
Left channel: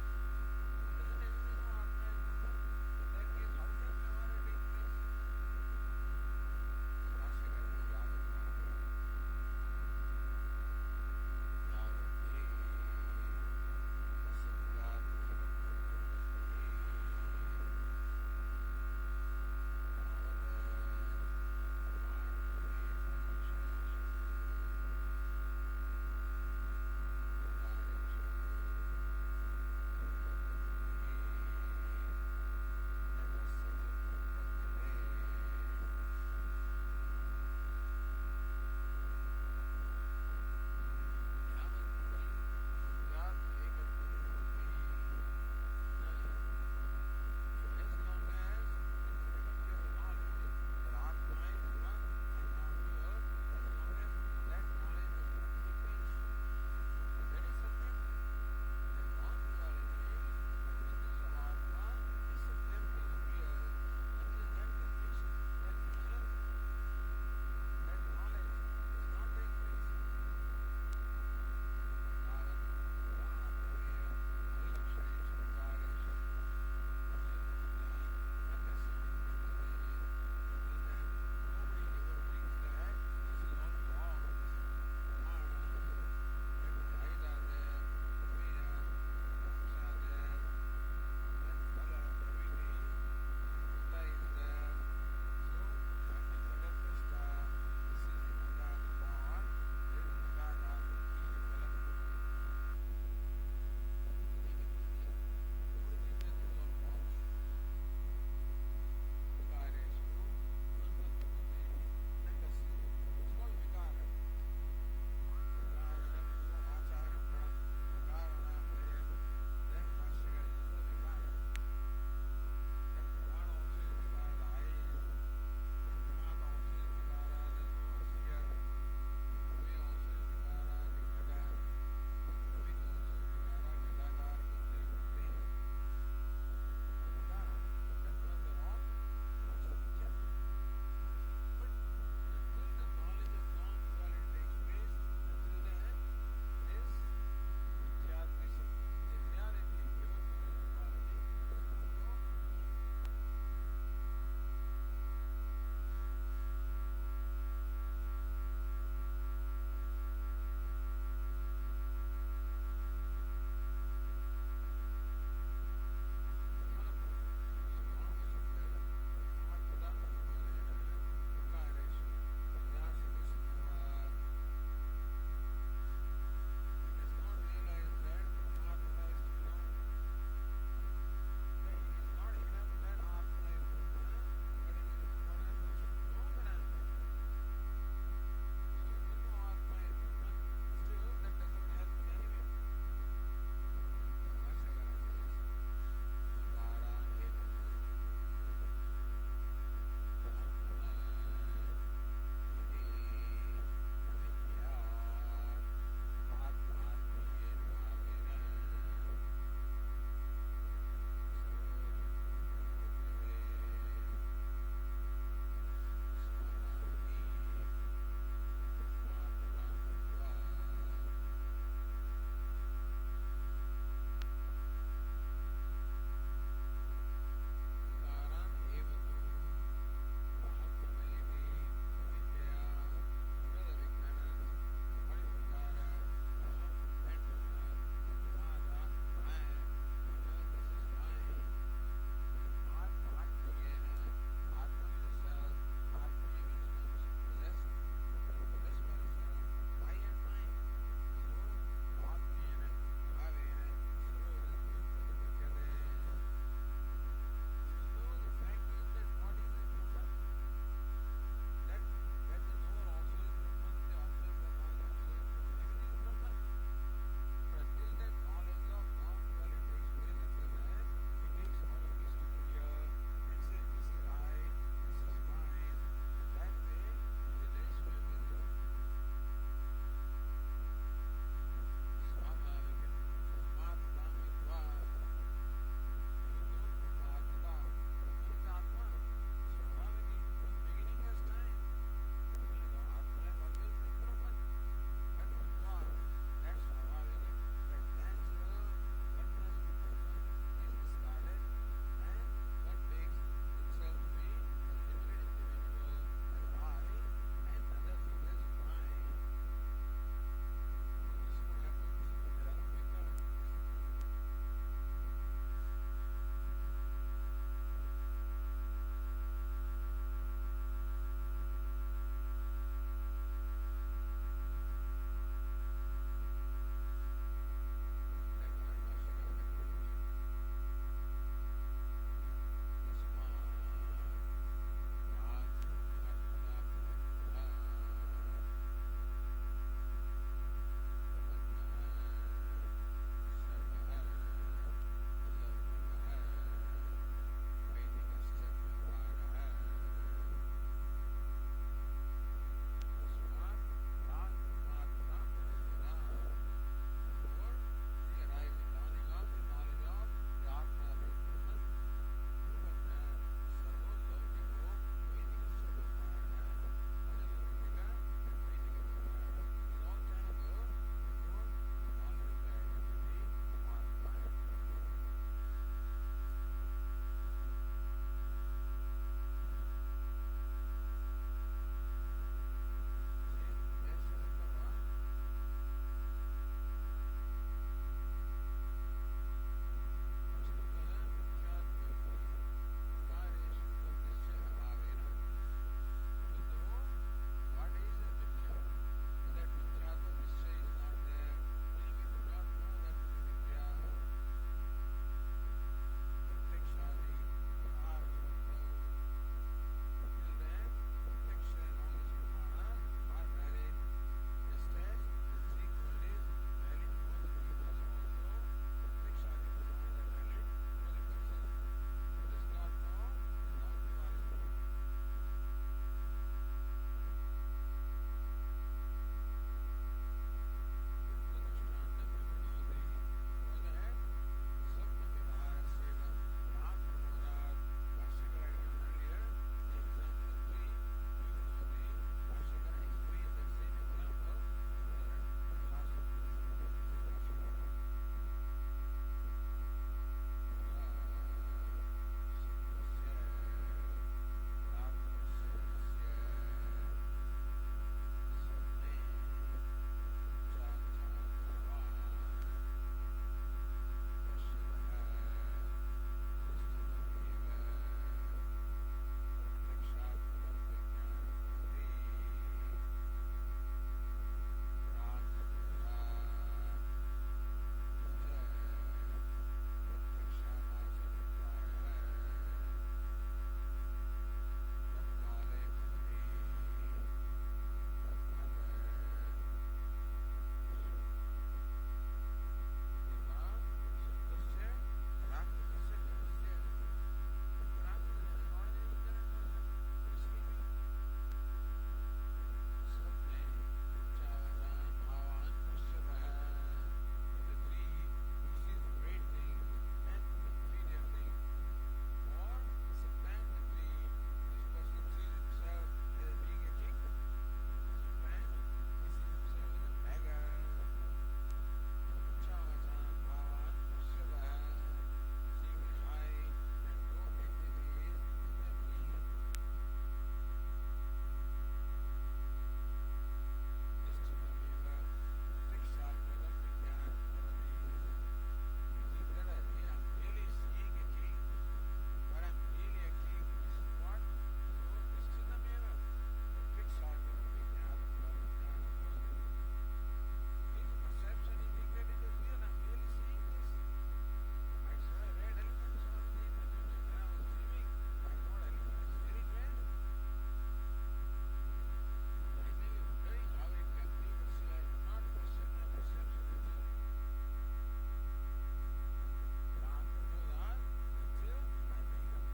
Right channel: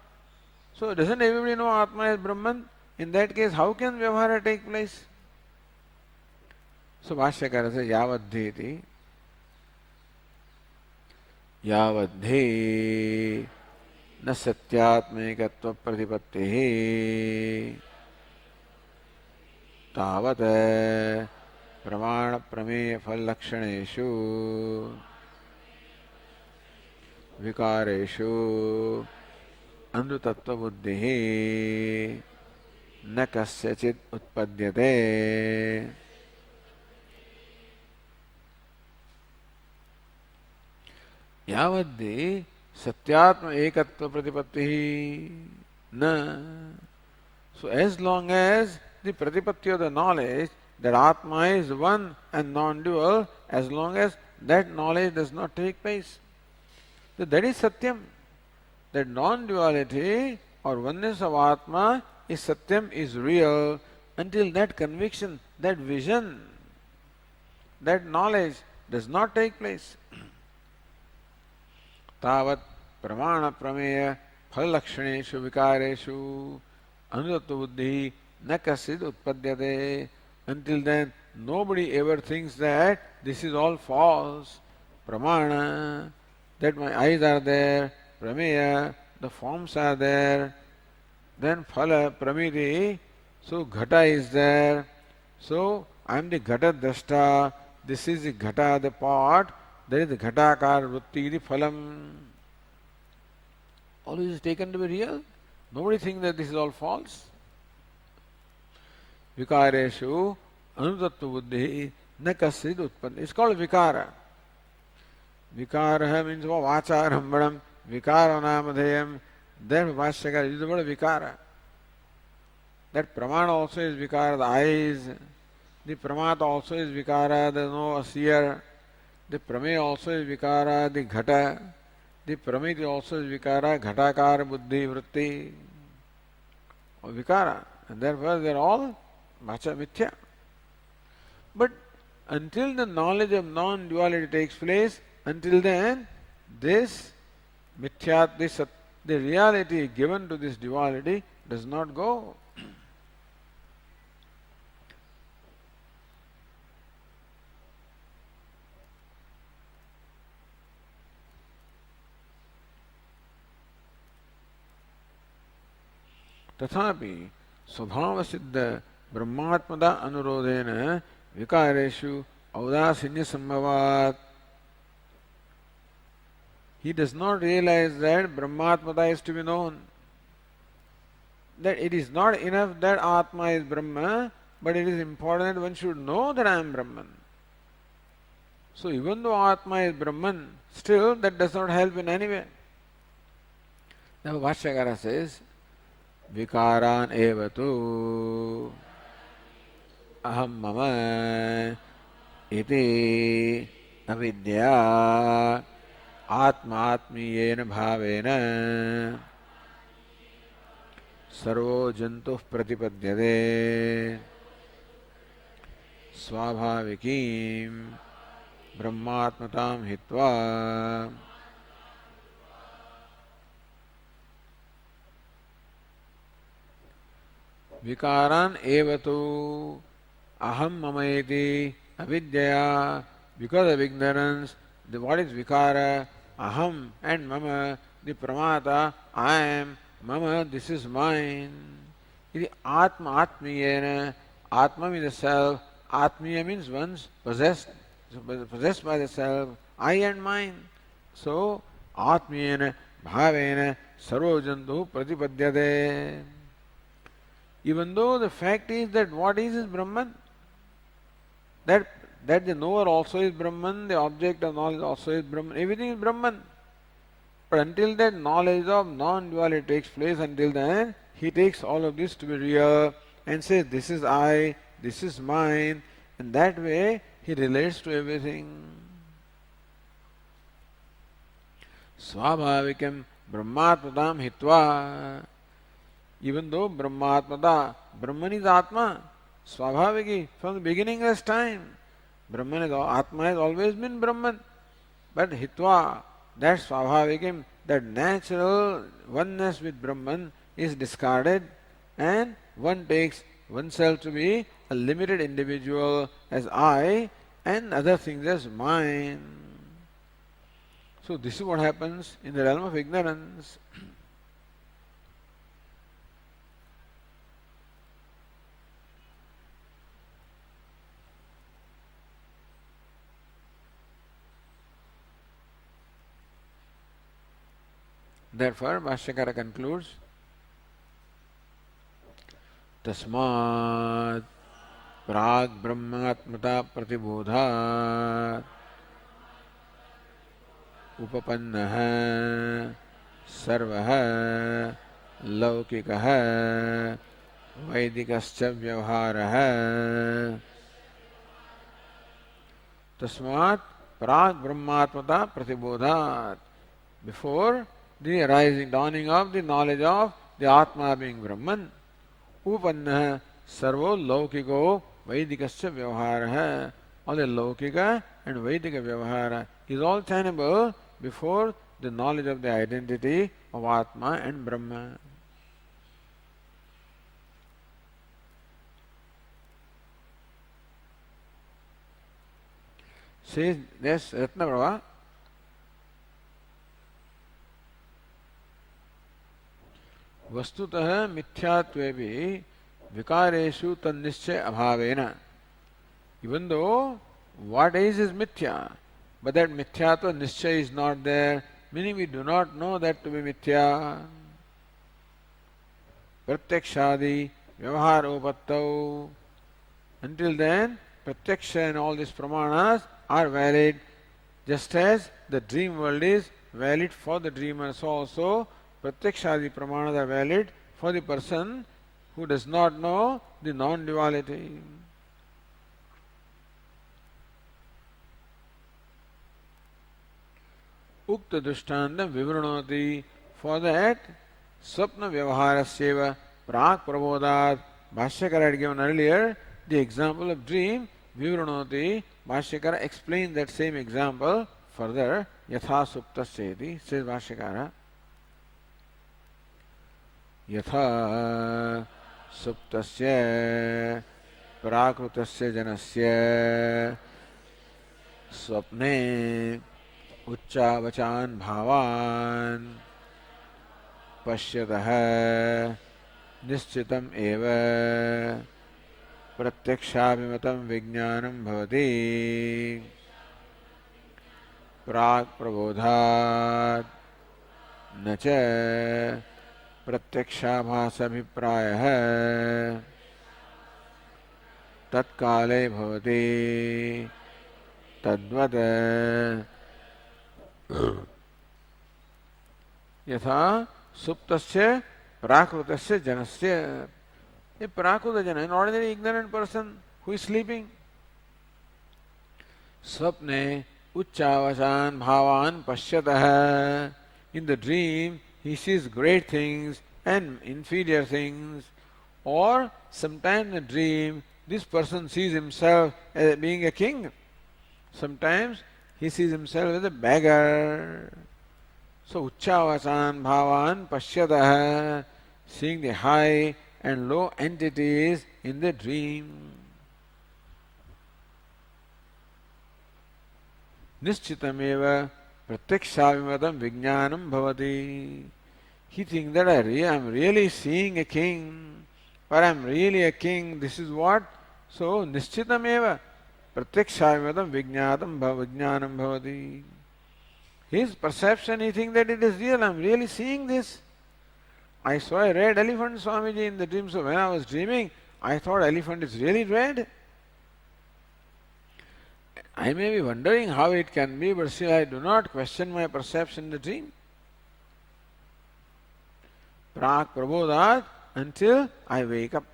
So doesn't everybody know Atma is Brahman? In that case, how can Vyavahara take place? So Bhashyakara says, Yavaddheti यावद्धि न सत्यात्मैकत्व प्रतिपत्तिः तावत् प्रमाण प्रमेय फल लक्षणेषु विकारेषु अमृतत्व बुद्धिः न कस्यचित् उत्पद्यते. यावद्धि सत्यात्म एकत्व प्रतिपत्ति न. So as long as the pratipatti of the knowledge that Atma is one and non-dual, as long as that knowledge does not take place, so that is Satyam. That non-duality or oneness of Atma is Satyam, is real, until that conviction, that vision, that knowledge does not take place. तावत् प्रमाण प्रमेय फल लक्षणेषु विकारेषु अनुतत्व बुद्धि न कश्चित् उत्पद्यते. Until then, nobody ever thinks that this is all false. Pramana, that my eyes are there. Prameya, the forms are there. Then phala, pramiti, so ghata is there. So I am the ghata drashta. This is the ghata, the pot. There is the ghatakar vritti, the phalam. All this is taken to be real. Nobody thinks that this is all false. Vikareshu anutatva buddhi na kasid utpanna. It's called vikara. Vikara means vacha rambanam, vikara namadheyam. Then Bhashyakara uses the word vikara. That pramana also is vikara, the eyes. The pramata also is vikara, there is no seer. The prameya also is vikara, the ghata. The pramiti also is vikara, ghatakara buddhi vritti. Or vikara. And therefore they are all macha mithya. But until the knowledge of non-duality takes place, until then this mithya, the reality given to this duality does not go. तथापि स्वभाव सिद्ध ब्रह्मात्मदा अनुरोधेन विकारेषु औदासीन्य संभवात्. He does not realize that Brahmatmata is to be known. That it is not enough that Atma is Brahma, but it is important that one should know that I am Brahman. So even though Atma is Brahman, still that does not help in any way. Now Bhashyakara says, विकारान एव तु अहम मम इति अविद्या आत्मात्मीयेन भावेन servo जन्तुः प्रतिपद्यते स्वाभाविकीं ब्रह्मात्मतां हित्वा विकारान एव तु aham mamayeti avidyaya, because of ignorance. The what is vikara? Aham and mama, the pramata, I am, mama, this is mine. Iti atma atmiyena, atma means the self, atmiya means one's possessed, possessed by the self, I and mine. So atmiyena bhavena sarvojantu pratipadyate. Even though the fact is that what is Brahman, that that the knower also is Brahman, the object of knowledge also is Brahman, everything is Brahman. But until that knowledge of non-duality takes place, until then he takes all of this to be real and says, this is I, this is mine, and that way he relates to everything. Swabhavikam Brahmatmadam Hitva. Even though Brahmatmada, Brahman is Atma, Swabhaviki, from the beginning of time. Brahman is Atma, has always been Brahman. But Hitva, that Swabhavikim, that natural oneness with Brahman is discarded, and one takes oneself to be a limited individual as I and other things as mine. So this is what happens in the realm of ignorance. Therefore, Bhashyakara concludes, Tasmat Prag Brahmatmata Pratibodhat Upapannah Sarvah Laukikah Vaidikascha Vyavharah. Tasmat Prag Brahmatmata Pratibodhat. Before the arising, dawning of the knowledge of the Atma being Brahman, Upanna Sarvo Laukiko Vaidikascha Vyavhara. All the Laukika and Vaidika Vyavhara is all tenable before the knowledge of the identity of Atma and Brahma. Says this Ratnaprabha, वस्तुतः मिथ्यात्वे भी विकारेषु तन्निश्चय अभावेन. Even though what is mithya, but that mithyatva nischay is not there, meaning we do not know that to be mithya. Pratyakshadi vyavaharopattau. Until then, pratyaksha and all these pramanas are valid, just as the dream world is valid for the dreamer. So also Pratyakshadi pramanas are valid for the person who does not know the non-duality. Ukta dushtanta vivranoti. For that, swapna vyavaharasyeva prak prabodhat. Bhashyakara had given earlier the example of dream, vivranoti. Bhashyakara explained that same example further. Yatha suptasyeti, says Bhashyakara. यथा सुप्तस्य प्राकृतस्य जनस्य स्वप्ने उच्चावचान् भावान् पश्यतः निश्चितम् एव प्रत्यक्षाभिमतं विज्ञानं भवति प्राक् प्रबोधात् न च प्रत्यक्षाभासभिप्रायः तत्काले भवति तद्वत् यथा सुप्तस्य प्राकृतस्य जनस्य. A prakrita jana, an ordinary ignorant person who is sleeping, swapne uccavasan bhavan pashyatah. In the dream he sees great things and inferior things, or sometimes in a dream this person sees himself as being a king, sometimes he sees himself as a beggar. So uccavasan bhavan pashyatah, seeing the high and low entities in the dream. Nishchitameva pratyakshavimadam vijnanam bhavati. He thinks that I'm really seeing a king, or I'm really a king. This is what? So, nishchitameva pratyakshavimadam vijnanam bhavati. His perception, he thinks that it is real. I'm really seeing this. I saw a red elephant, Swamiji, in the dream. So when I was dreaming, I thought elephant is really red. I may be wondering how it can be, but still I do not question my perception in the dream. Prak prabodhat, until I wake up.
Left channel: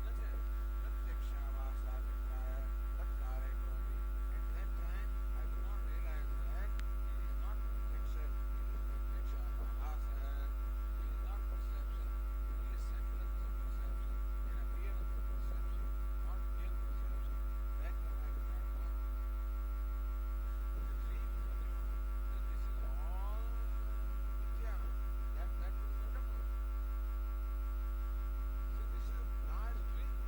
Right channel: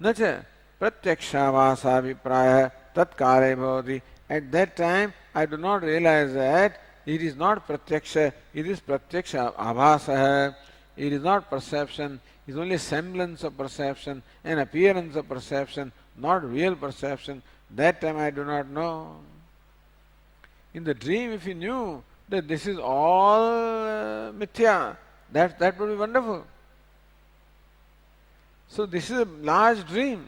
Nacha pratyakshavasa vipraya tat kale bhavati. At that time, I do not realize that it is not pratyaksha, it is pratyaksha abhasa. It is not perception, it is only semblance of perception, an appearance of perception, not real perception. That time I do not know. In the dream, if you knew that this is all mithya, that would be wonderful. So this is a large dream.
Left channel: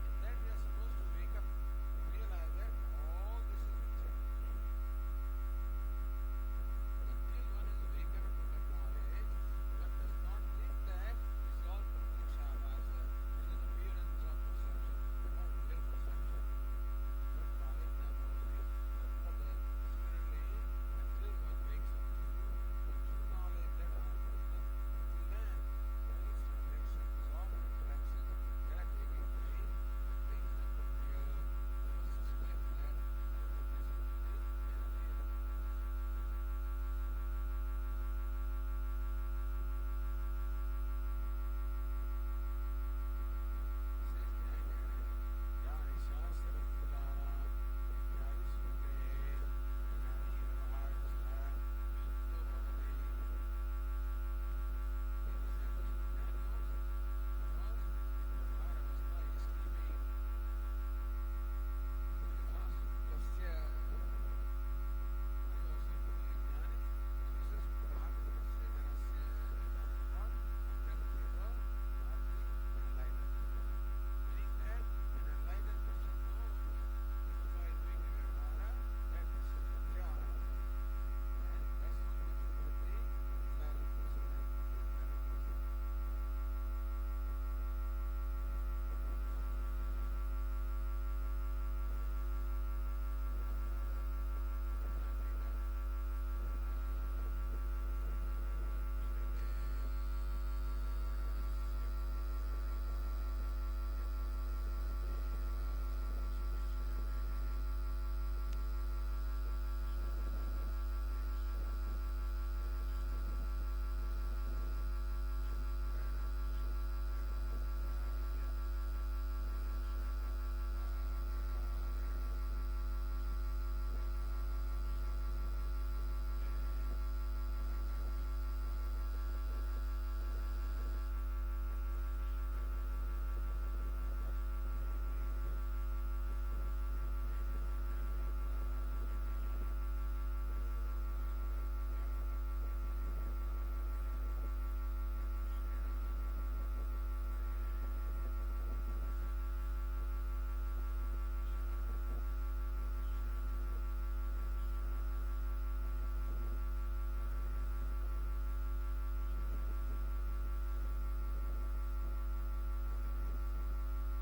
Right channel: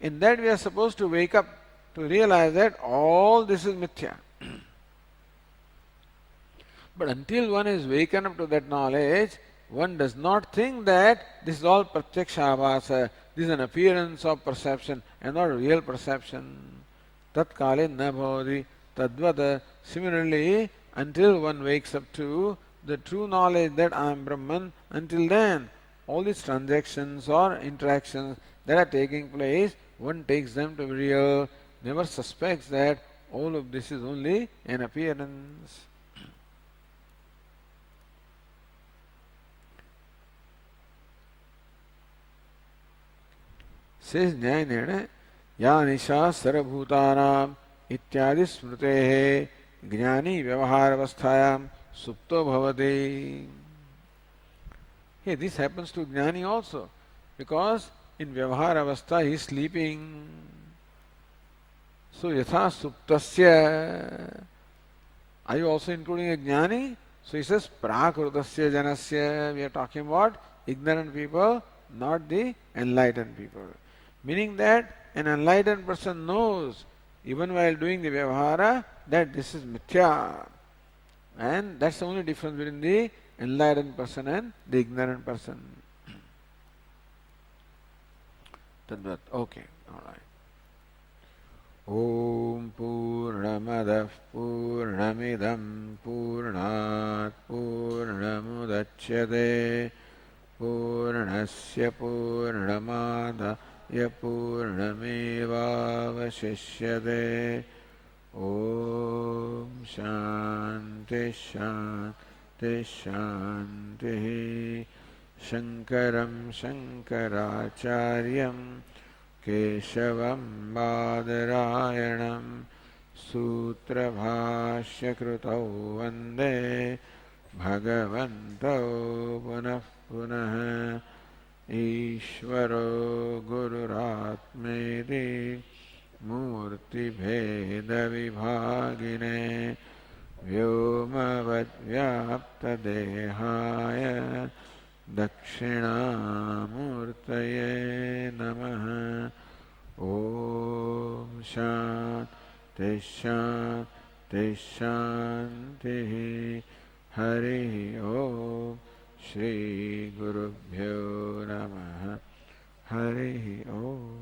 In that we are supposed to wake up to realize that all this is mithya. But until one is waken up to that knowledge, one does not think that this is all pratyaksha abhasa, this is an appearance of perception and not real perception. Tat kale na bhavati tadvata. Similarly, until one wakes up to the true knowledge that I am Brahman, until then, all these transactions or interactions that are taking place, one takes them to be real, never suspects that all of this is only an appearance. Says Nyayana, Ya Nisha Sarabhutanam Ityadi Smritehe Jnani Vyavaharavasthayam Supto Bhavate. Hey, this happens to Jnani also, because in Vyavaharavastha he is sleeping. So Yatha Suptasya. Are you also including a Jnani? So he says Prakrutasya Janasya. We are talking about ignorant people, not the enlightened people. Meaning that an enlightened person knows, even while doing the Vyavahara, that this is mithya. And that's the only difference between the enlightened person and the ignorant person. Tadvat. Okay. Om Purnamadah Purnamidam Purnat Purnamudachyate Purnasya Purnamadaya Purnamevavashishyate. Om Shanti Shanti Shanti. Shankaram Shankaracharyam Keshavam Badarayanam Sutrabhashyakritau Vande Bhagavantau Punah Punah. Ishvaro Gururatmeti Murti Bheda Vibhagine Vyomavat Vyapta Dehaya Dakshinamurtaye Namaha. Om Shanti Shanti Shanti. Hari Om. Shri Gurubhyo Namaha. Hari Om.